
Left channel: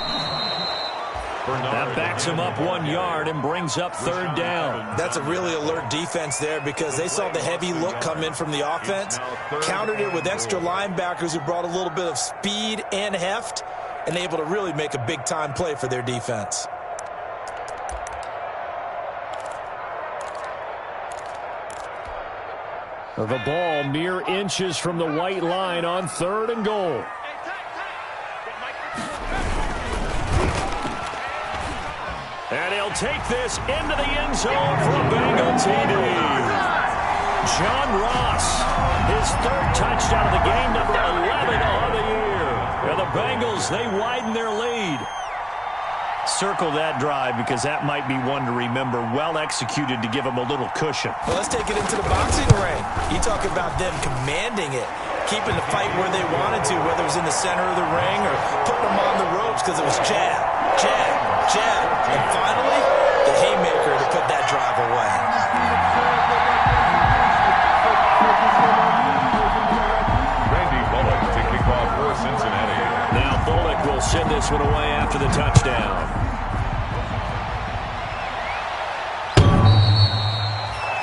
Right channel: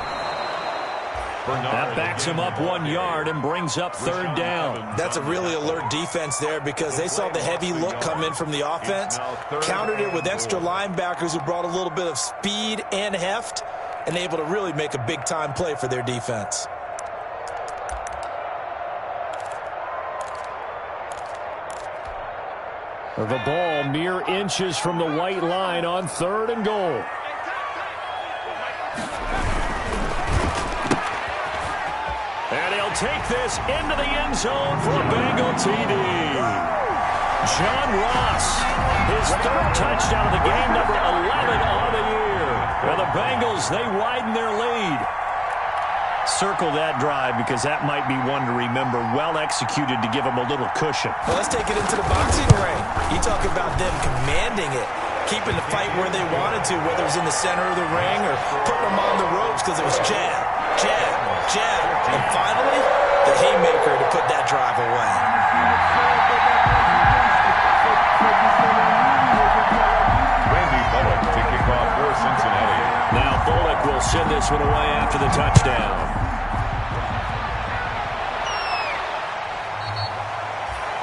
That backs him up 1 yard and brings up third down. That's a really alert defense there because they saw the heavy look come in from the offense, countered it with extra linebackers who brought a little bit of speed and heft, and able to really make a big-time play for their defense. The ball mere inches from the white line on third and goal. And he'll take this into the end zone for a Bengal TD. John Ross, his 3rd touchdown of the game, number 11 on the year. And the Bengals, they widen their lead. Circle that drive because that might be one to remember. Well executed to give them a little cushion. Well, let's take it into the boxing ring. You talk about them commanding it, keeping the fight where they wanted to, whether it was in the center of the ring or putting them on the ropes because it was jab, jab, jab. And finally, the haymaker to put that drive away. Randy Bullock to kick off for Cincinnati. Now Bullock will send this one away after the touchdown.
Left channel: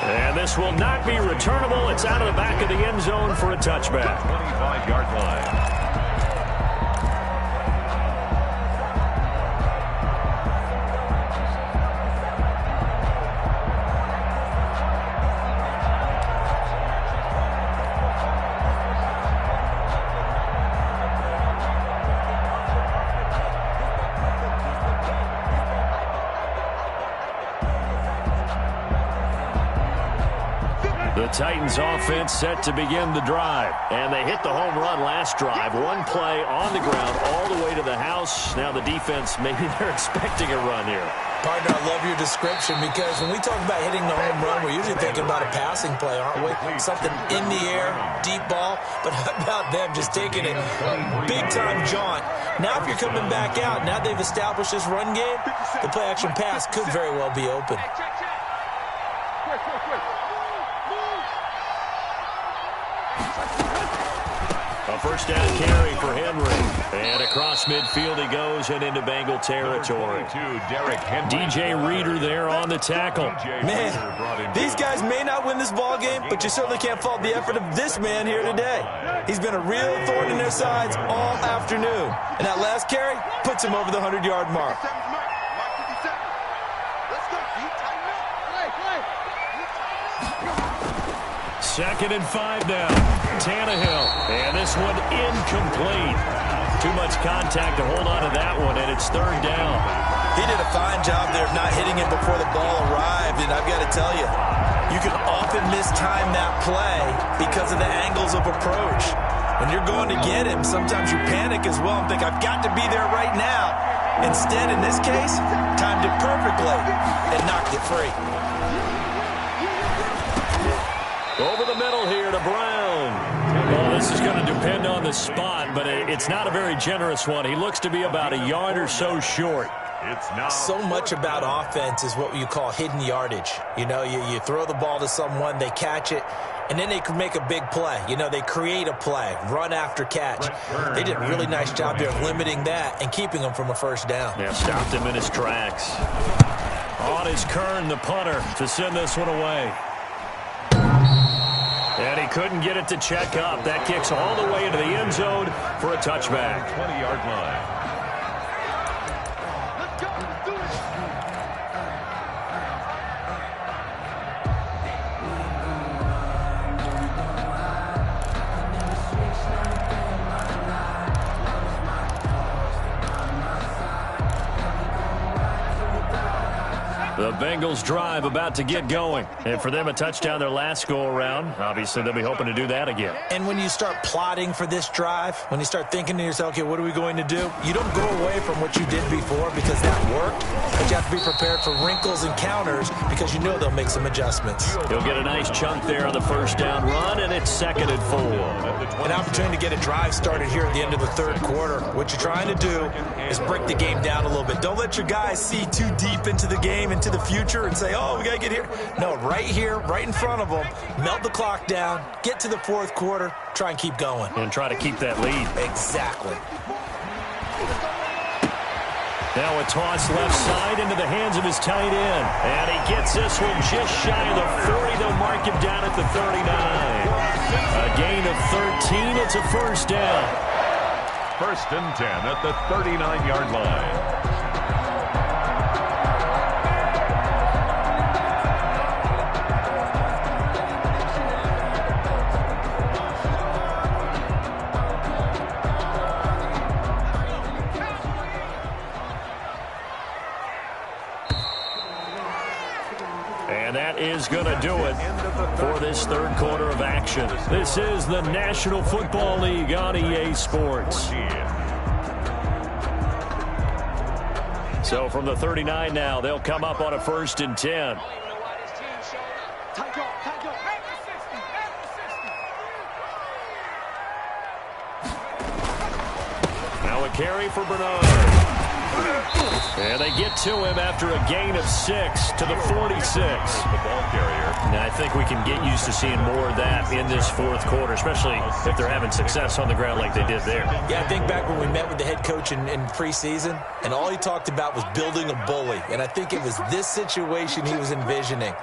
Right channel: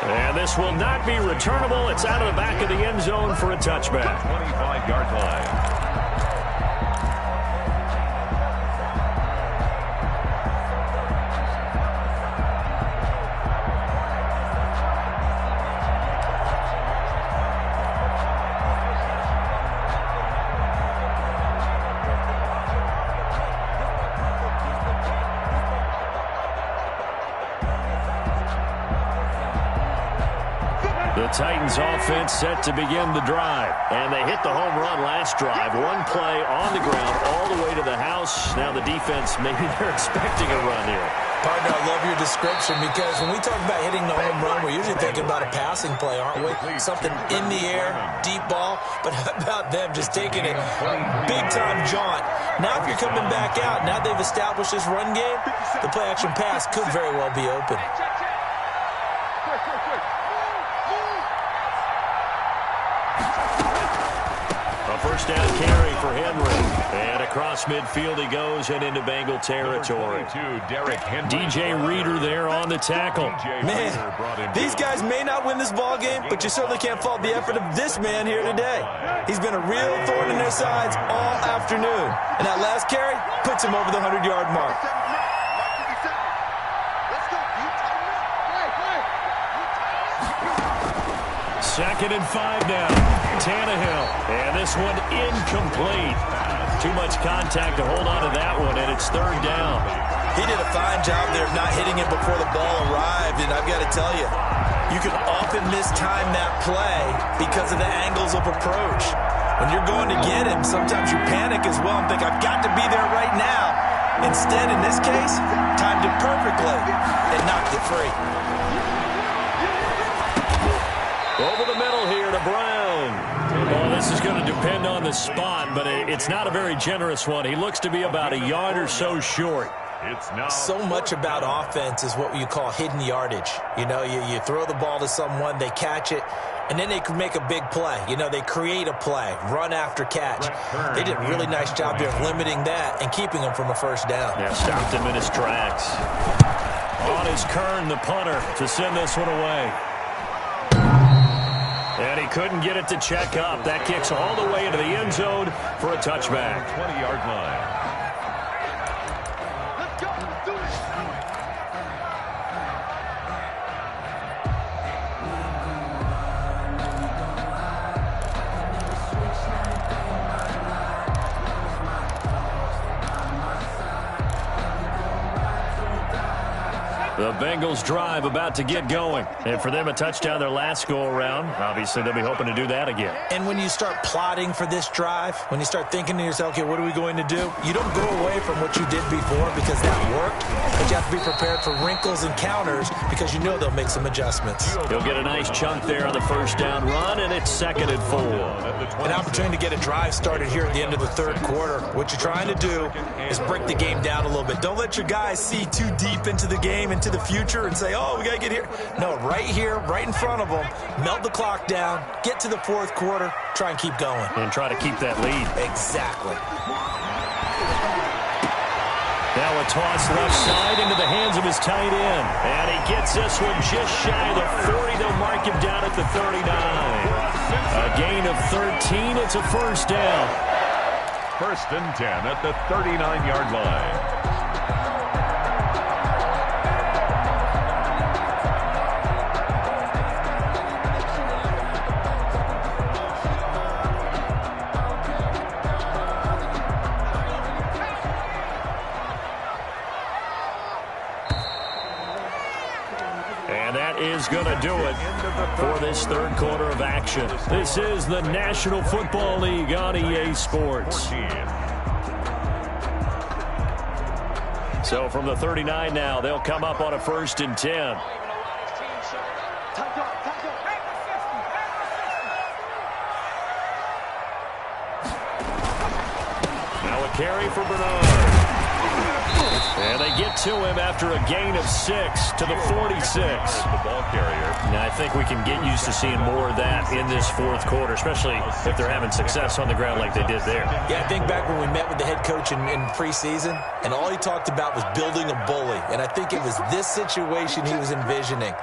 And this will not be returnable. It's out of the back of the end zone for a touchback. 25-yard line. The Titans offense set to begin the drive. And they hit the home run last drive. One play on the ground all the way to the house. Now the defense, maybe they're expecting a run here. Partner, I love your description because when we talk about hitting the home run, we're usually thinking about a passing play, aren't we? Something in the air, deep ball. But how about them just taking it big-time jaunt? Now if you're coming back out, now they've established this run game, the play-action pass could very well be open. A first down carry for Henry. And across midfield he goes and into Bengal territory. DJ Reader there on the tackle. Man, these guys may not win this ball game, but you certainly can't fault the effort of this man here today. He's been a real thorn in their sides all afternoon. And that last carry puts him over the 100-yard mark. Second and 5 now. Tannehill. And this one incomplete. Too much contact to hold on to that one, and it's third down. He did a fine job there of not hitting it before the ball arrived, and I've got to tell you, you can often mistime that play because of the angles of approach. When you're going to get him, sometimes you panic as well and think, I've got to be there right now. Instead, in this case, timed it perfectly and knocked it free. Over the middle here to Brown. Well, this is going to depend on the spot, but it's not a very generous one. He looks to be about a yard or so short. It's now so much about offense is what you call hidden yardage. You know, you throw the ball to someone, they catch it, and then they can make a big play. You know, they create a play, run after catch. They did a really nice job there of limiting that and keeping them from a first down. Yeah, stopped him in his tracks. On is Kern, the punter, to send this one away. And he couldn't get it to check up. That kicks all the way into the end zone for a touchback. 20-yard line. Let's go. Let's do it. The Bengals drive about to get going. And for them, a touchdown their last go-around. Obviously, they'll be hoping to do that again. And when you start plotting for this drive, when you start thinking to yourself, okay, what are we going to do? You don't go away from what you did before because that worked. But you have to be prepared for wrinkles and counters because you know they'll make some adjustments. He'll get a nice chunk there on the first down run, and it's 2nd and 4. An opportunity to get a drive started here at the end of the third quarter. What you're trying to do is break the game down a little bit. Don't let your guys see too deep into the game, into the future, and say, oh, we got to get here. No, right here, right in front of them, melt the clock down, get to the fourth quarter, try and keep going. And try to keep that lead. Exactly. Now a toss left side into the hands of his tight end. And he gets this one just shy of the 40. They'll mark him down at the 39. A gain of 13. It's a first down. 1st and 10 at the 39-yard line. And that is going to do it for this third quarter of action. This is the National Football League on EA Sports. So from the 39 now, they'll come up on a 1st and 10. Now a carry for Bernard. And they get to him after a gain of 6 to the 46. The ball carrier. Now, I think we can get used to seeing more of that in this fourth quarter, especially if they're having success on the ground like they did there. Yeah, I think back when we met with the head coach in preseason, and all he talked about was building a bully. And I think it was this situation he was envisioning.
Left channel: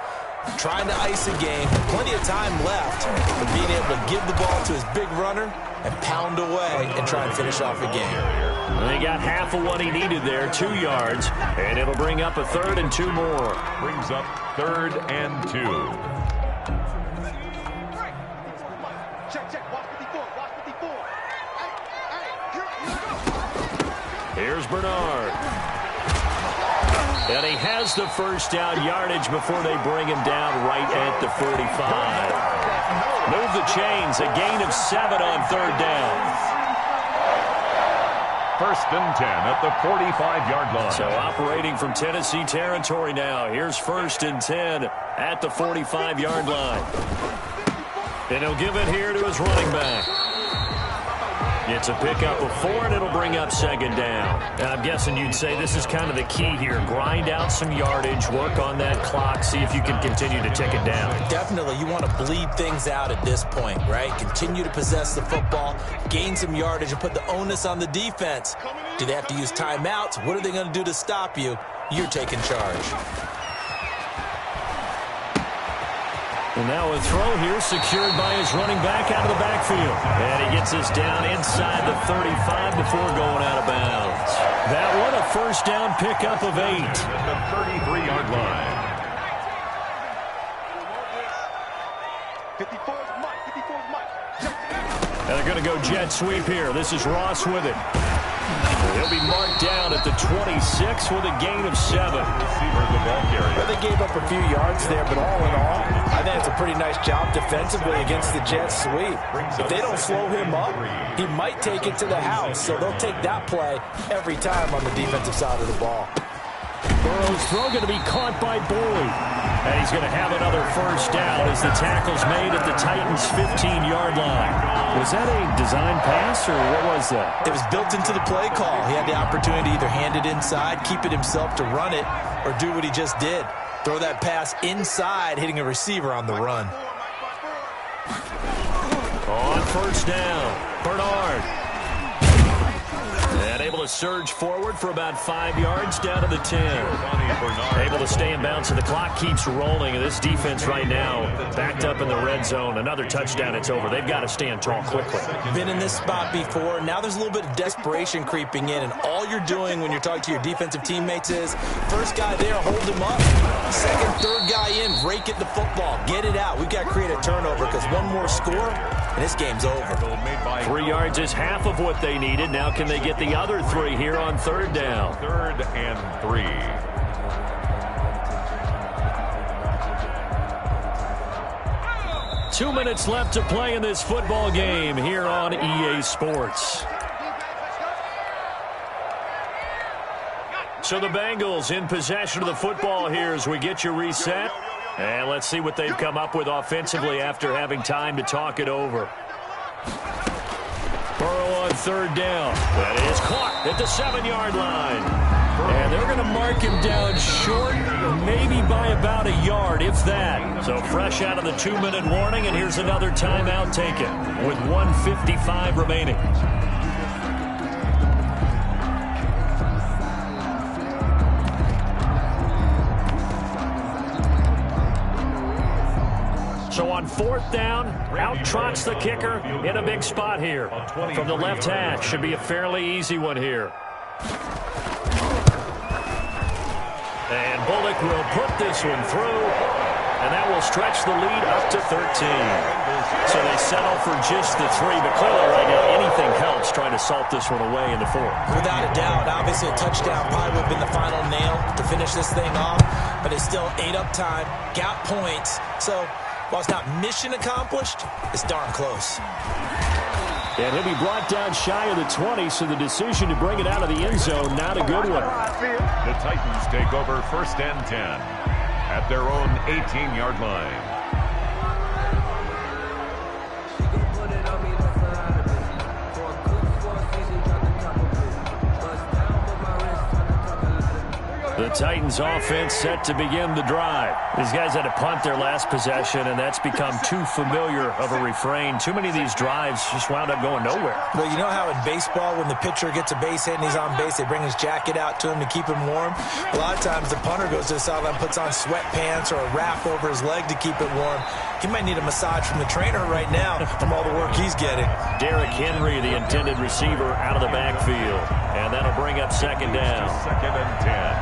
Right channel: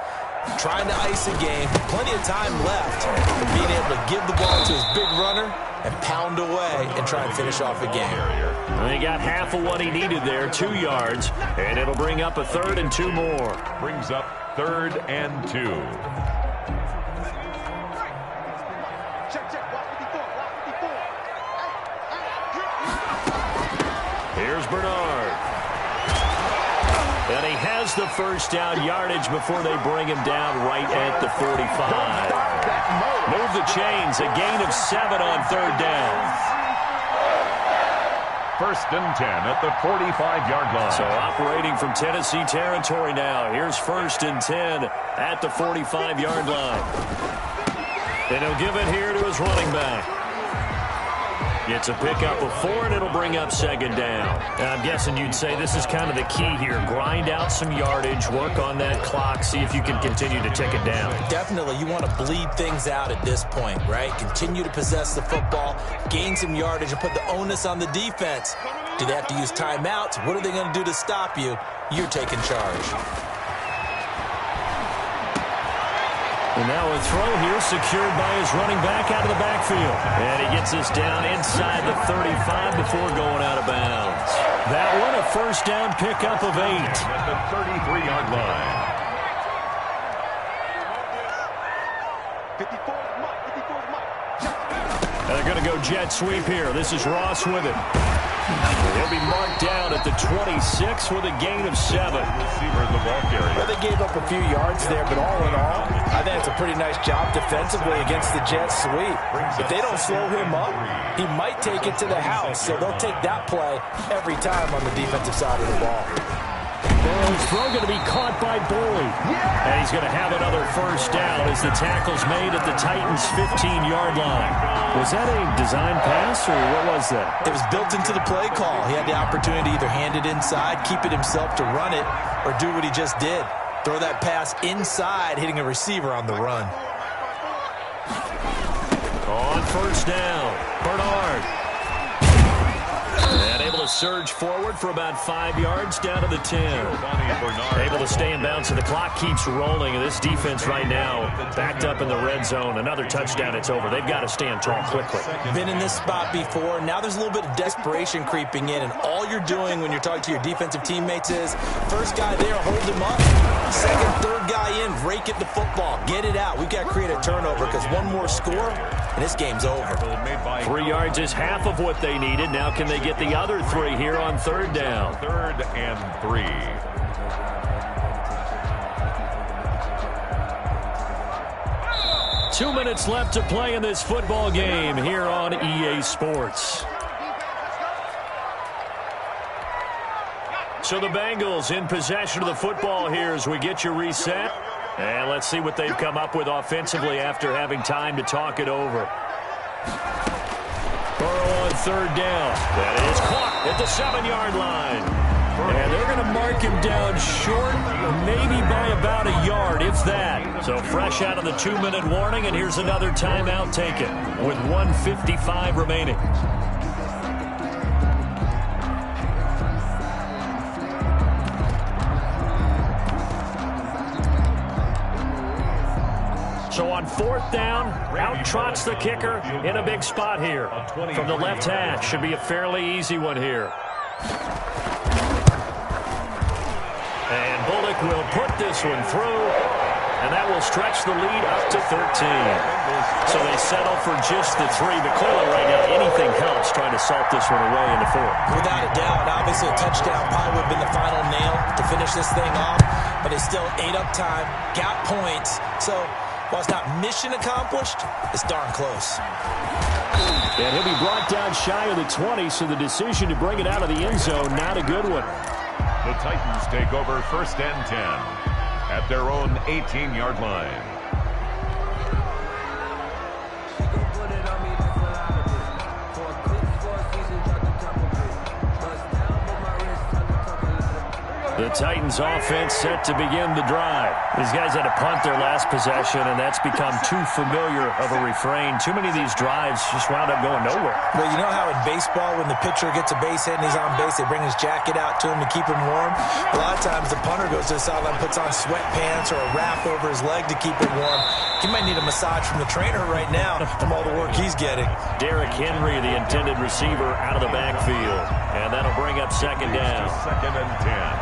Trying to ice a game, plenty of time left, but being able to give the ball to his big runner and pound away and try and finish off a game. And he got half of what he needed there, 2 yards, and it'll bring up a 3rd and 2 more. Brings up 3rd and 2. Here's Bernard. And he has the first down yardage before they bring him down right at the 45. Move the chains, a gain of 7 on 3rd down. 1st and 10 at the 45-yard line. So operating from Tennessee territory now. Here's 1st and 10 at the 45-yard line. And he'll give it here to his running back. It's a pickup of 4, and it'll bring up 2nd down. And I'm guessing you'd say this is kind of the key here. Grind out some yardage, work on that clock, see if you can continue to tick it down. Definitely, you want to bleed things out at this point, right? Continue to possess the football, gain some yardage, and put the onus on the defense. Do they have to use timeouts? What are they going to do to stop you? You're taking charge. And now a throw here secured by his running back out of the backfield. And he gets us down inside the 35 before going out of bounds. That one, a first down pickup of 8. At the 33-yard line. 54's Mike. And they're going to go jet sweep here. This is Ross with it. He'll be marked down at the 26 with a gain of 7. Receiver, the ball carrier. Well, they gave up a few yards there, but all in all, I think it's a pretty nice job defensively against the jet sweep. If they don't slow him up, he might take it to the house. So they'll take that play every time on the defensive side of the ball. Burrow's throw going to be caught by Boyd. And he's going to have another first down as the tackle's made at the Titans' 15-yard line. Was that a design pass, or what was that? It was built into the play call. He had the opportunity to either hand it inside, keep it himself to run it, or do what he just did. Throw that pass inside, hitting a receiver on the run. On first down, Bernard. And able to surge forward for about 5 yards down to the 10. Able to stay in bounds, and the clock keeps rolling. And this defense right now backed up in the red zone. Another touchdown, it's over. They've got to stand tall quickly. Been in this spot before. Now there's a little bit of desperation creeping in, and all you're doing when you're talking to your defensive teammates is first guy there, hold him up. Second, third guy in, rake at the football. Get it out. We've got to create a turnover because one more score, and this game's over. 3 yards is half of what they needed. Now can they get the other 3 here on third down? 3rd and 3. 2 minutes left to play in this football game here on EA Sports. So the Bengals in possession of the football here as we get you reset. And let's see what they've come up with offensively after having time to talk it over. Burrow on third down. That is caught at the 7-yard line. And they're going to mark him down short, maybe by about a yard, if that. So fresh out of the 2-minute warning, and here's another timeout taken with 1:55 remaining. So on fourth down, out trots the kicker in a big spot here. From the left hash, should be a fairly easy one here. And Bullock will put this one through, and that will stretch the lead up to 13. So they settle for just the 3, but clearly right now anything helps trying to salt this one away in the 4th. Without a doubt, obviously a touchdown probably would have been the final nail to finish this thing off, but they still ate up time, got points. So while it's not mission accomplished, it's darn close. And he'll be brought down shy of the 20, so the decision to bring it out of the end zone, not a good one. The Titans take over 1st and 10 at their own 18-yard line. The Titans offense set to begin the drive. These guys had to punt their last possession, and that's become too familiar of a refrain. Too many of these drives just wound up going nowhere. Well, you know how in baseball when the pitcher gets a base hit and he's on base, they bring his jacket out to him to keep him warm? A lot of times the punter goes to the sideline, puts on sweatpants or a wrap over his leg to keep it warm. He might need a massage from the trainer right now from all the work he's getting. Derrick Henry, the intended receiver, out of the backfield. And that'll bring up 2nd down. 2nd and 10.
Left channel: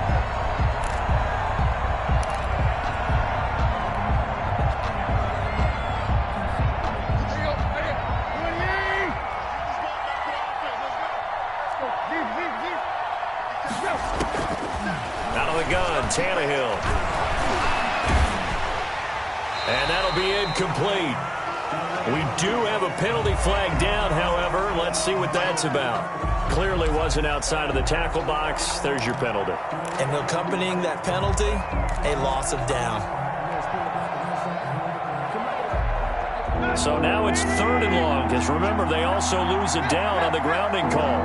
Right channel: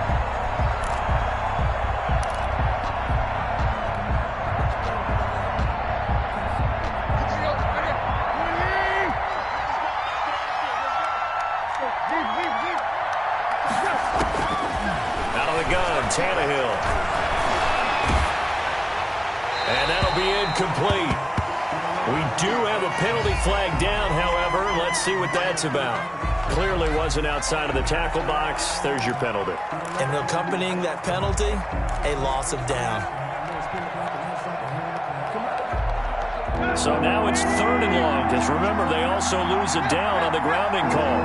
Out of the gun, Tannehill. And that'll be incomplete. We do have a penalty flag down, however. Let's see what that's about. Clearly wasn't outside of the tackle box. There's your penalty. And accompanying that penalty, a loss of down. So now it's 3rd and long, because remember, they also lose a down on the grounding call.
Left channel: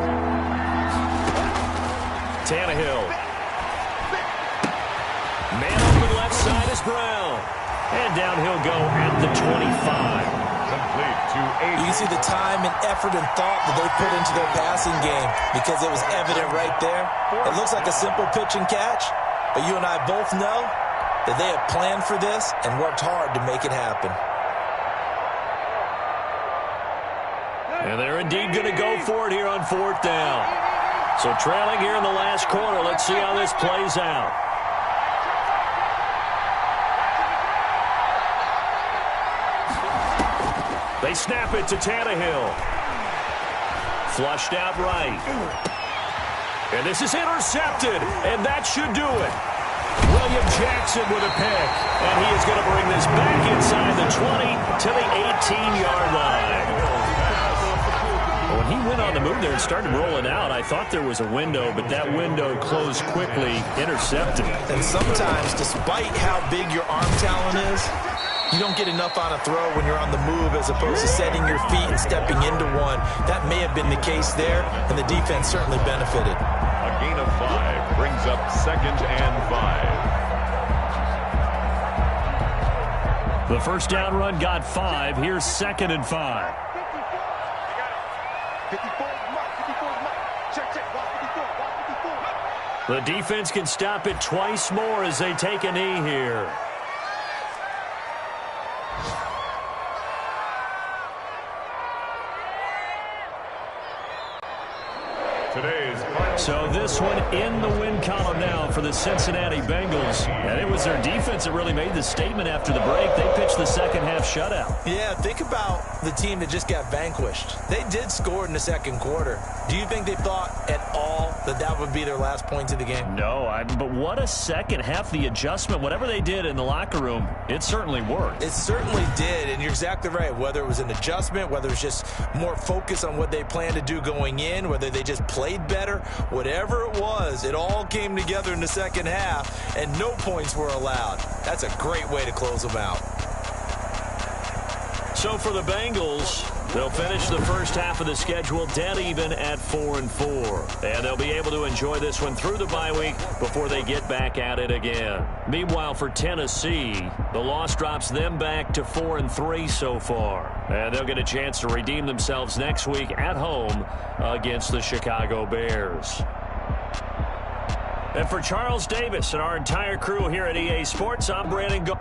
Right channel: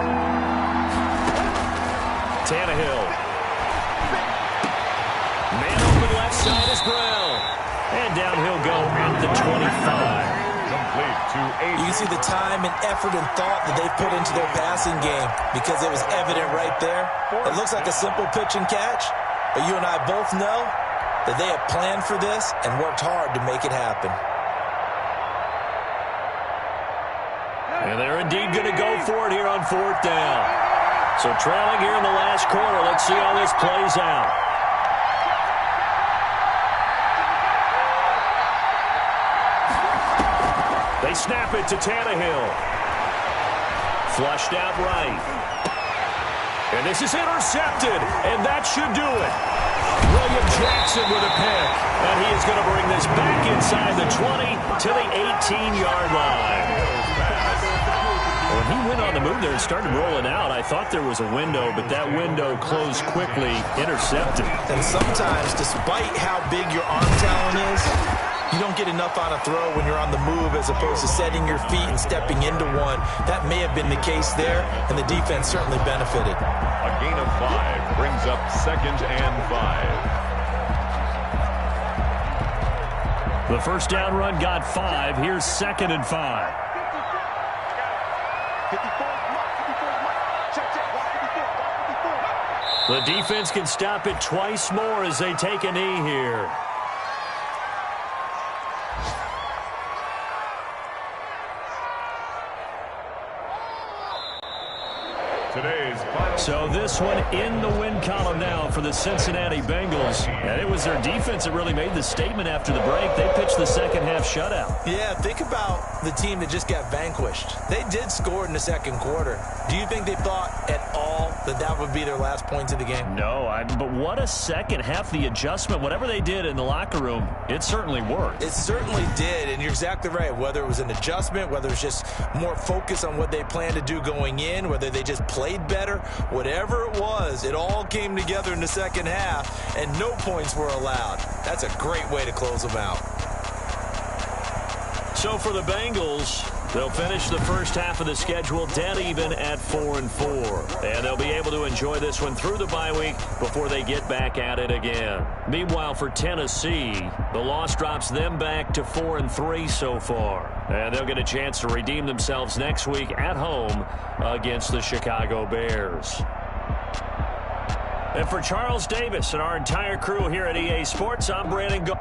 Tannehill. Man open left side is Brown. And down he'll go at the 25. Complete to 8. You can see the time and effort and thought that they put into their passing game because it was evident right there. It looks like a simple pitch and catch, but you and I both know that they have planned for this and worked hard to make it happen. And they're indeed going to go for it here on 4th down. So trailing here in the last quarter, let's see how this plays out. They snap it to Tannehill. Flushed out right. And this is intercepted, and that should do it. William Jackson with a pick, and he is going to bring this back inside the 20 to the 18-yard line. When he went on the move there and started rolling out, I thought there was a window, but that window closed quickly, intercepted. And sometimes, despite how big your arm talent is, you don't get enough on a throw when you're on the move as opposed to setting your feet and stepping into one. That may have been the case there, and the defense certainly benefited. A gain of 5 brings up 2nd and 5. The first down run got 5. Here's 2nd and 5. 54 Mike. 54 Mike. Check. Watch 54. Watch 54. The defense can stop it twice more as they take a knee here. Today's final So this one in the win column now for the Cincinnati Bengals. And it was their defense that really made the statement after the break. They pitched the second half shutout. Yeah, think about the team that just got vanquished. They did score in the second quarter. Do you think they thought at all that that would be their last points of the game? No, but what a second half. The adjustment, whatever they did in the locker room, it certainly worked. It certainly did, and you're exactly right. Whether it was an adjustment, whether it was just more focus on what they planned to do going in, whether they just played better, whatever it was, it all came together in the second half, and no points were allowed. That's a great way to close them out. So for the Bengals, they'll finish the first half of the schedule dead even at 4-4. And they'll be able to enjoy this one through the bye week before they get back at it again. Meanwhile, for Tennessee, the loss drops them back to 4-3 so far. And they'll get a chance to redeem themselves next week at home against the Chicago Bears. And for Charles Davis and our entire crew here at EA Sports, I'm Brandon Go.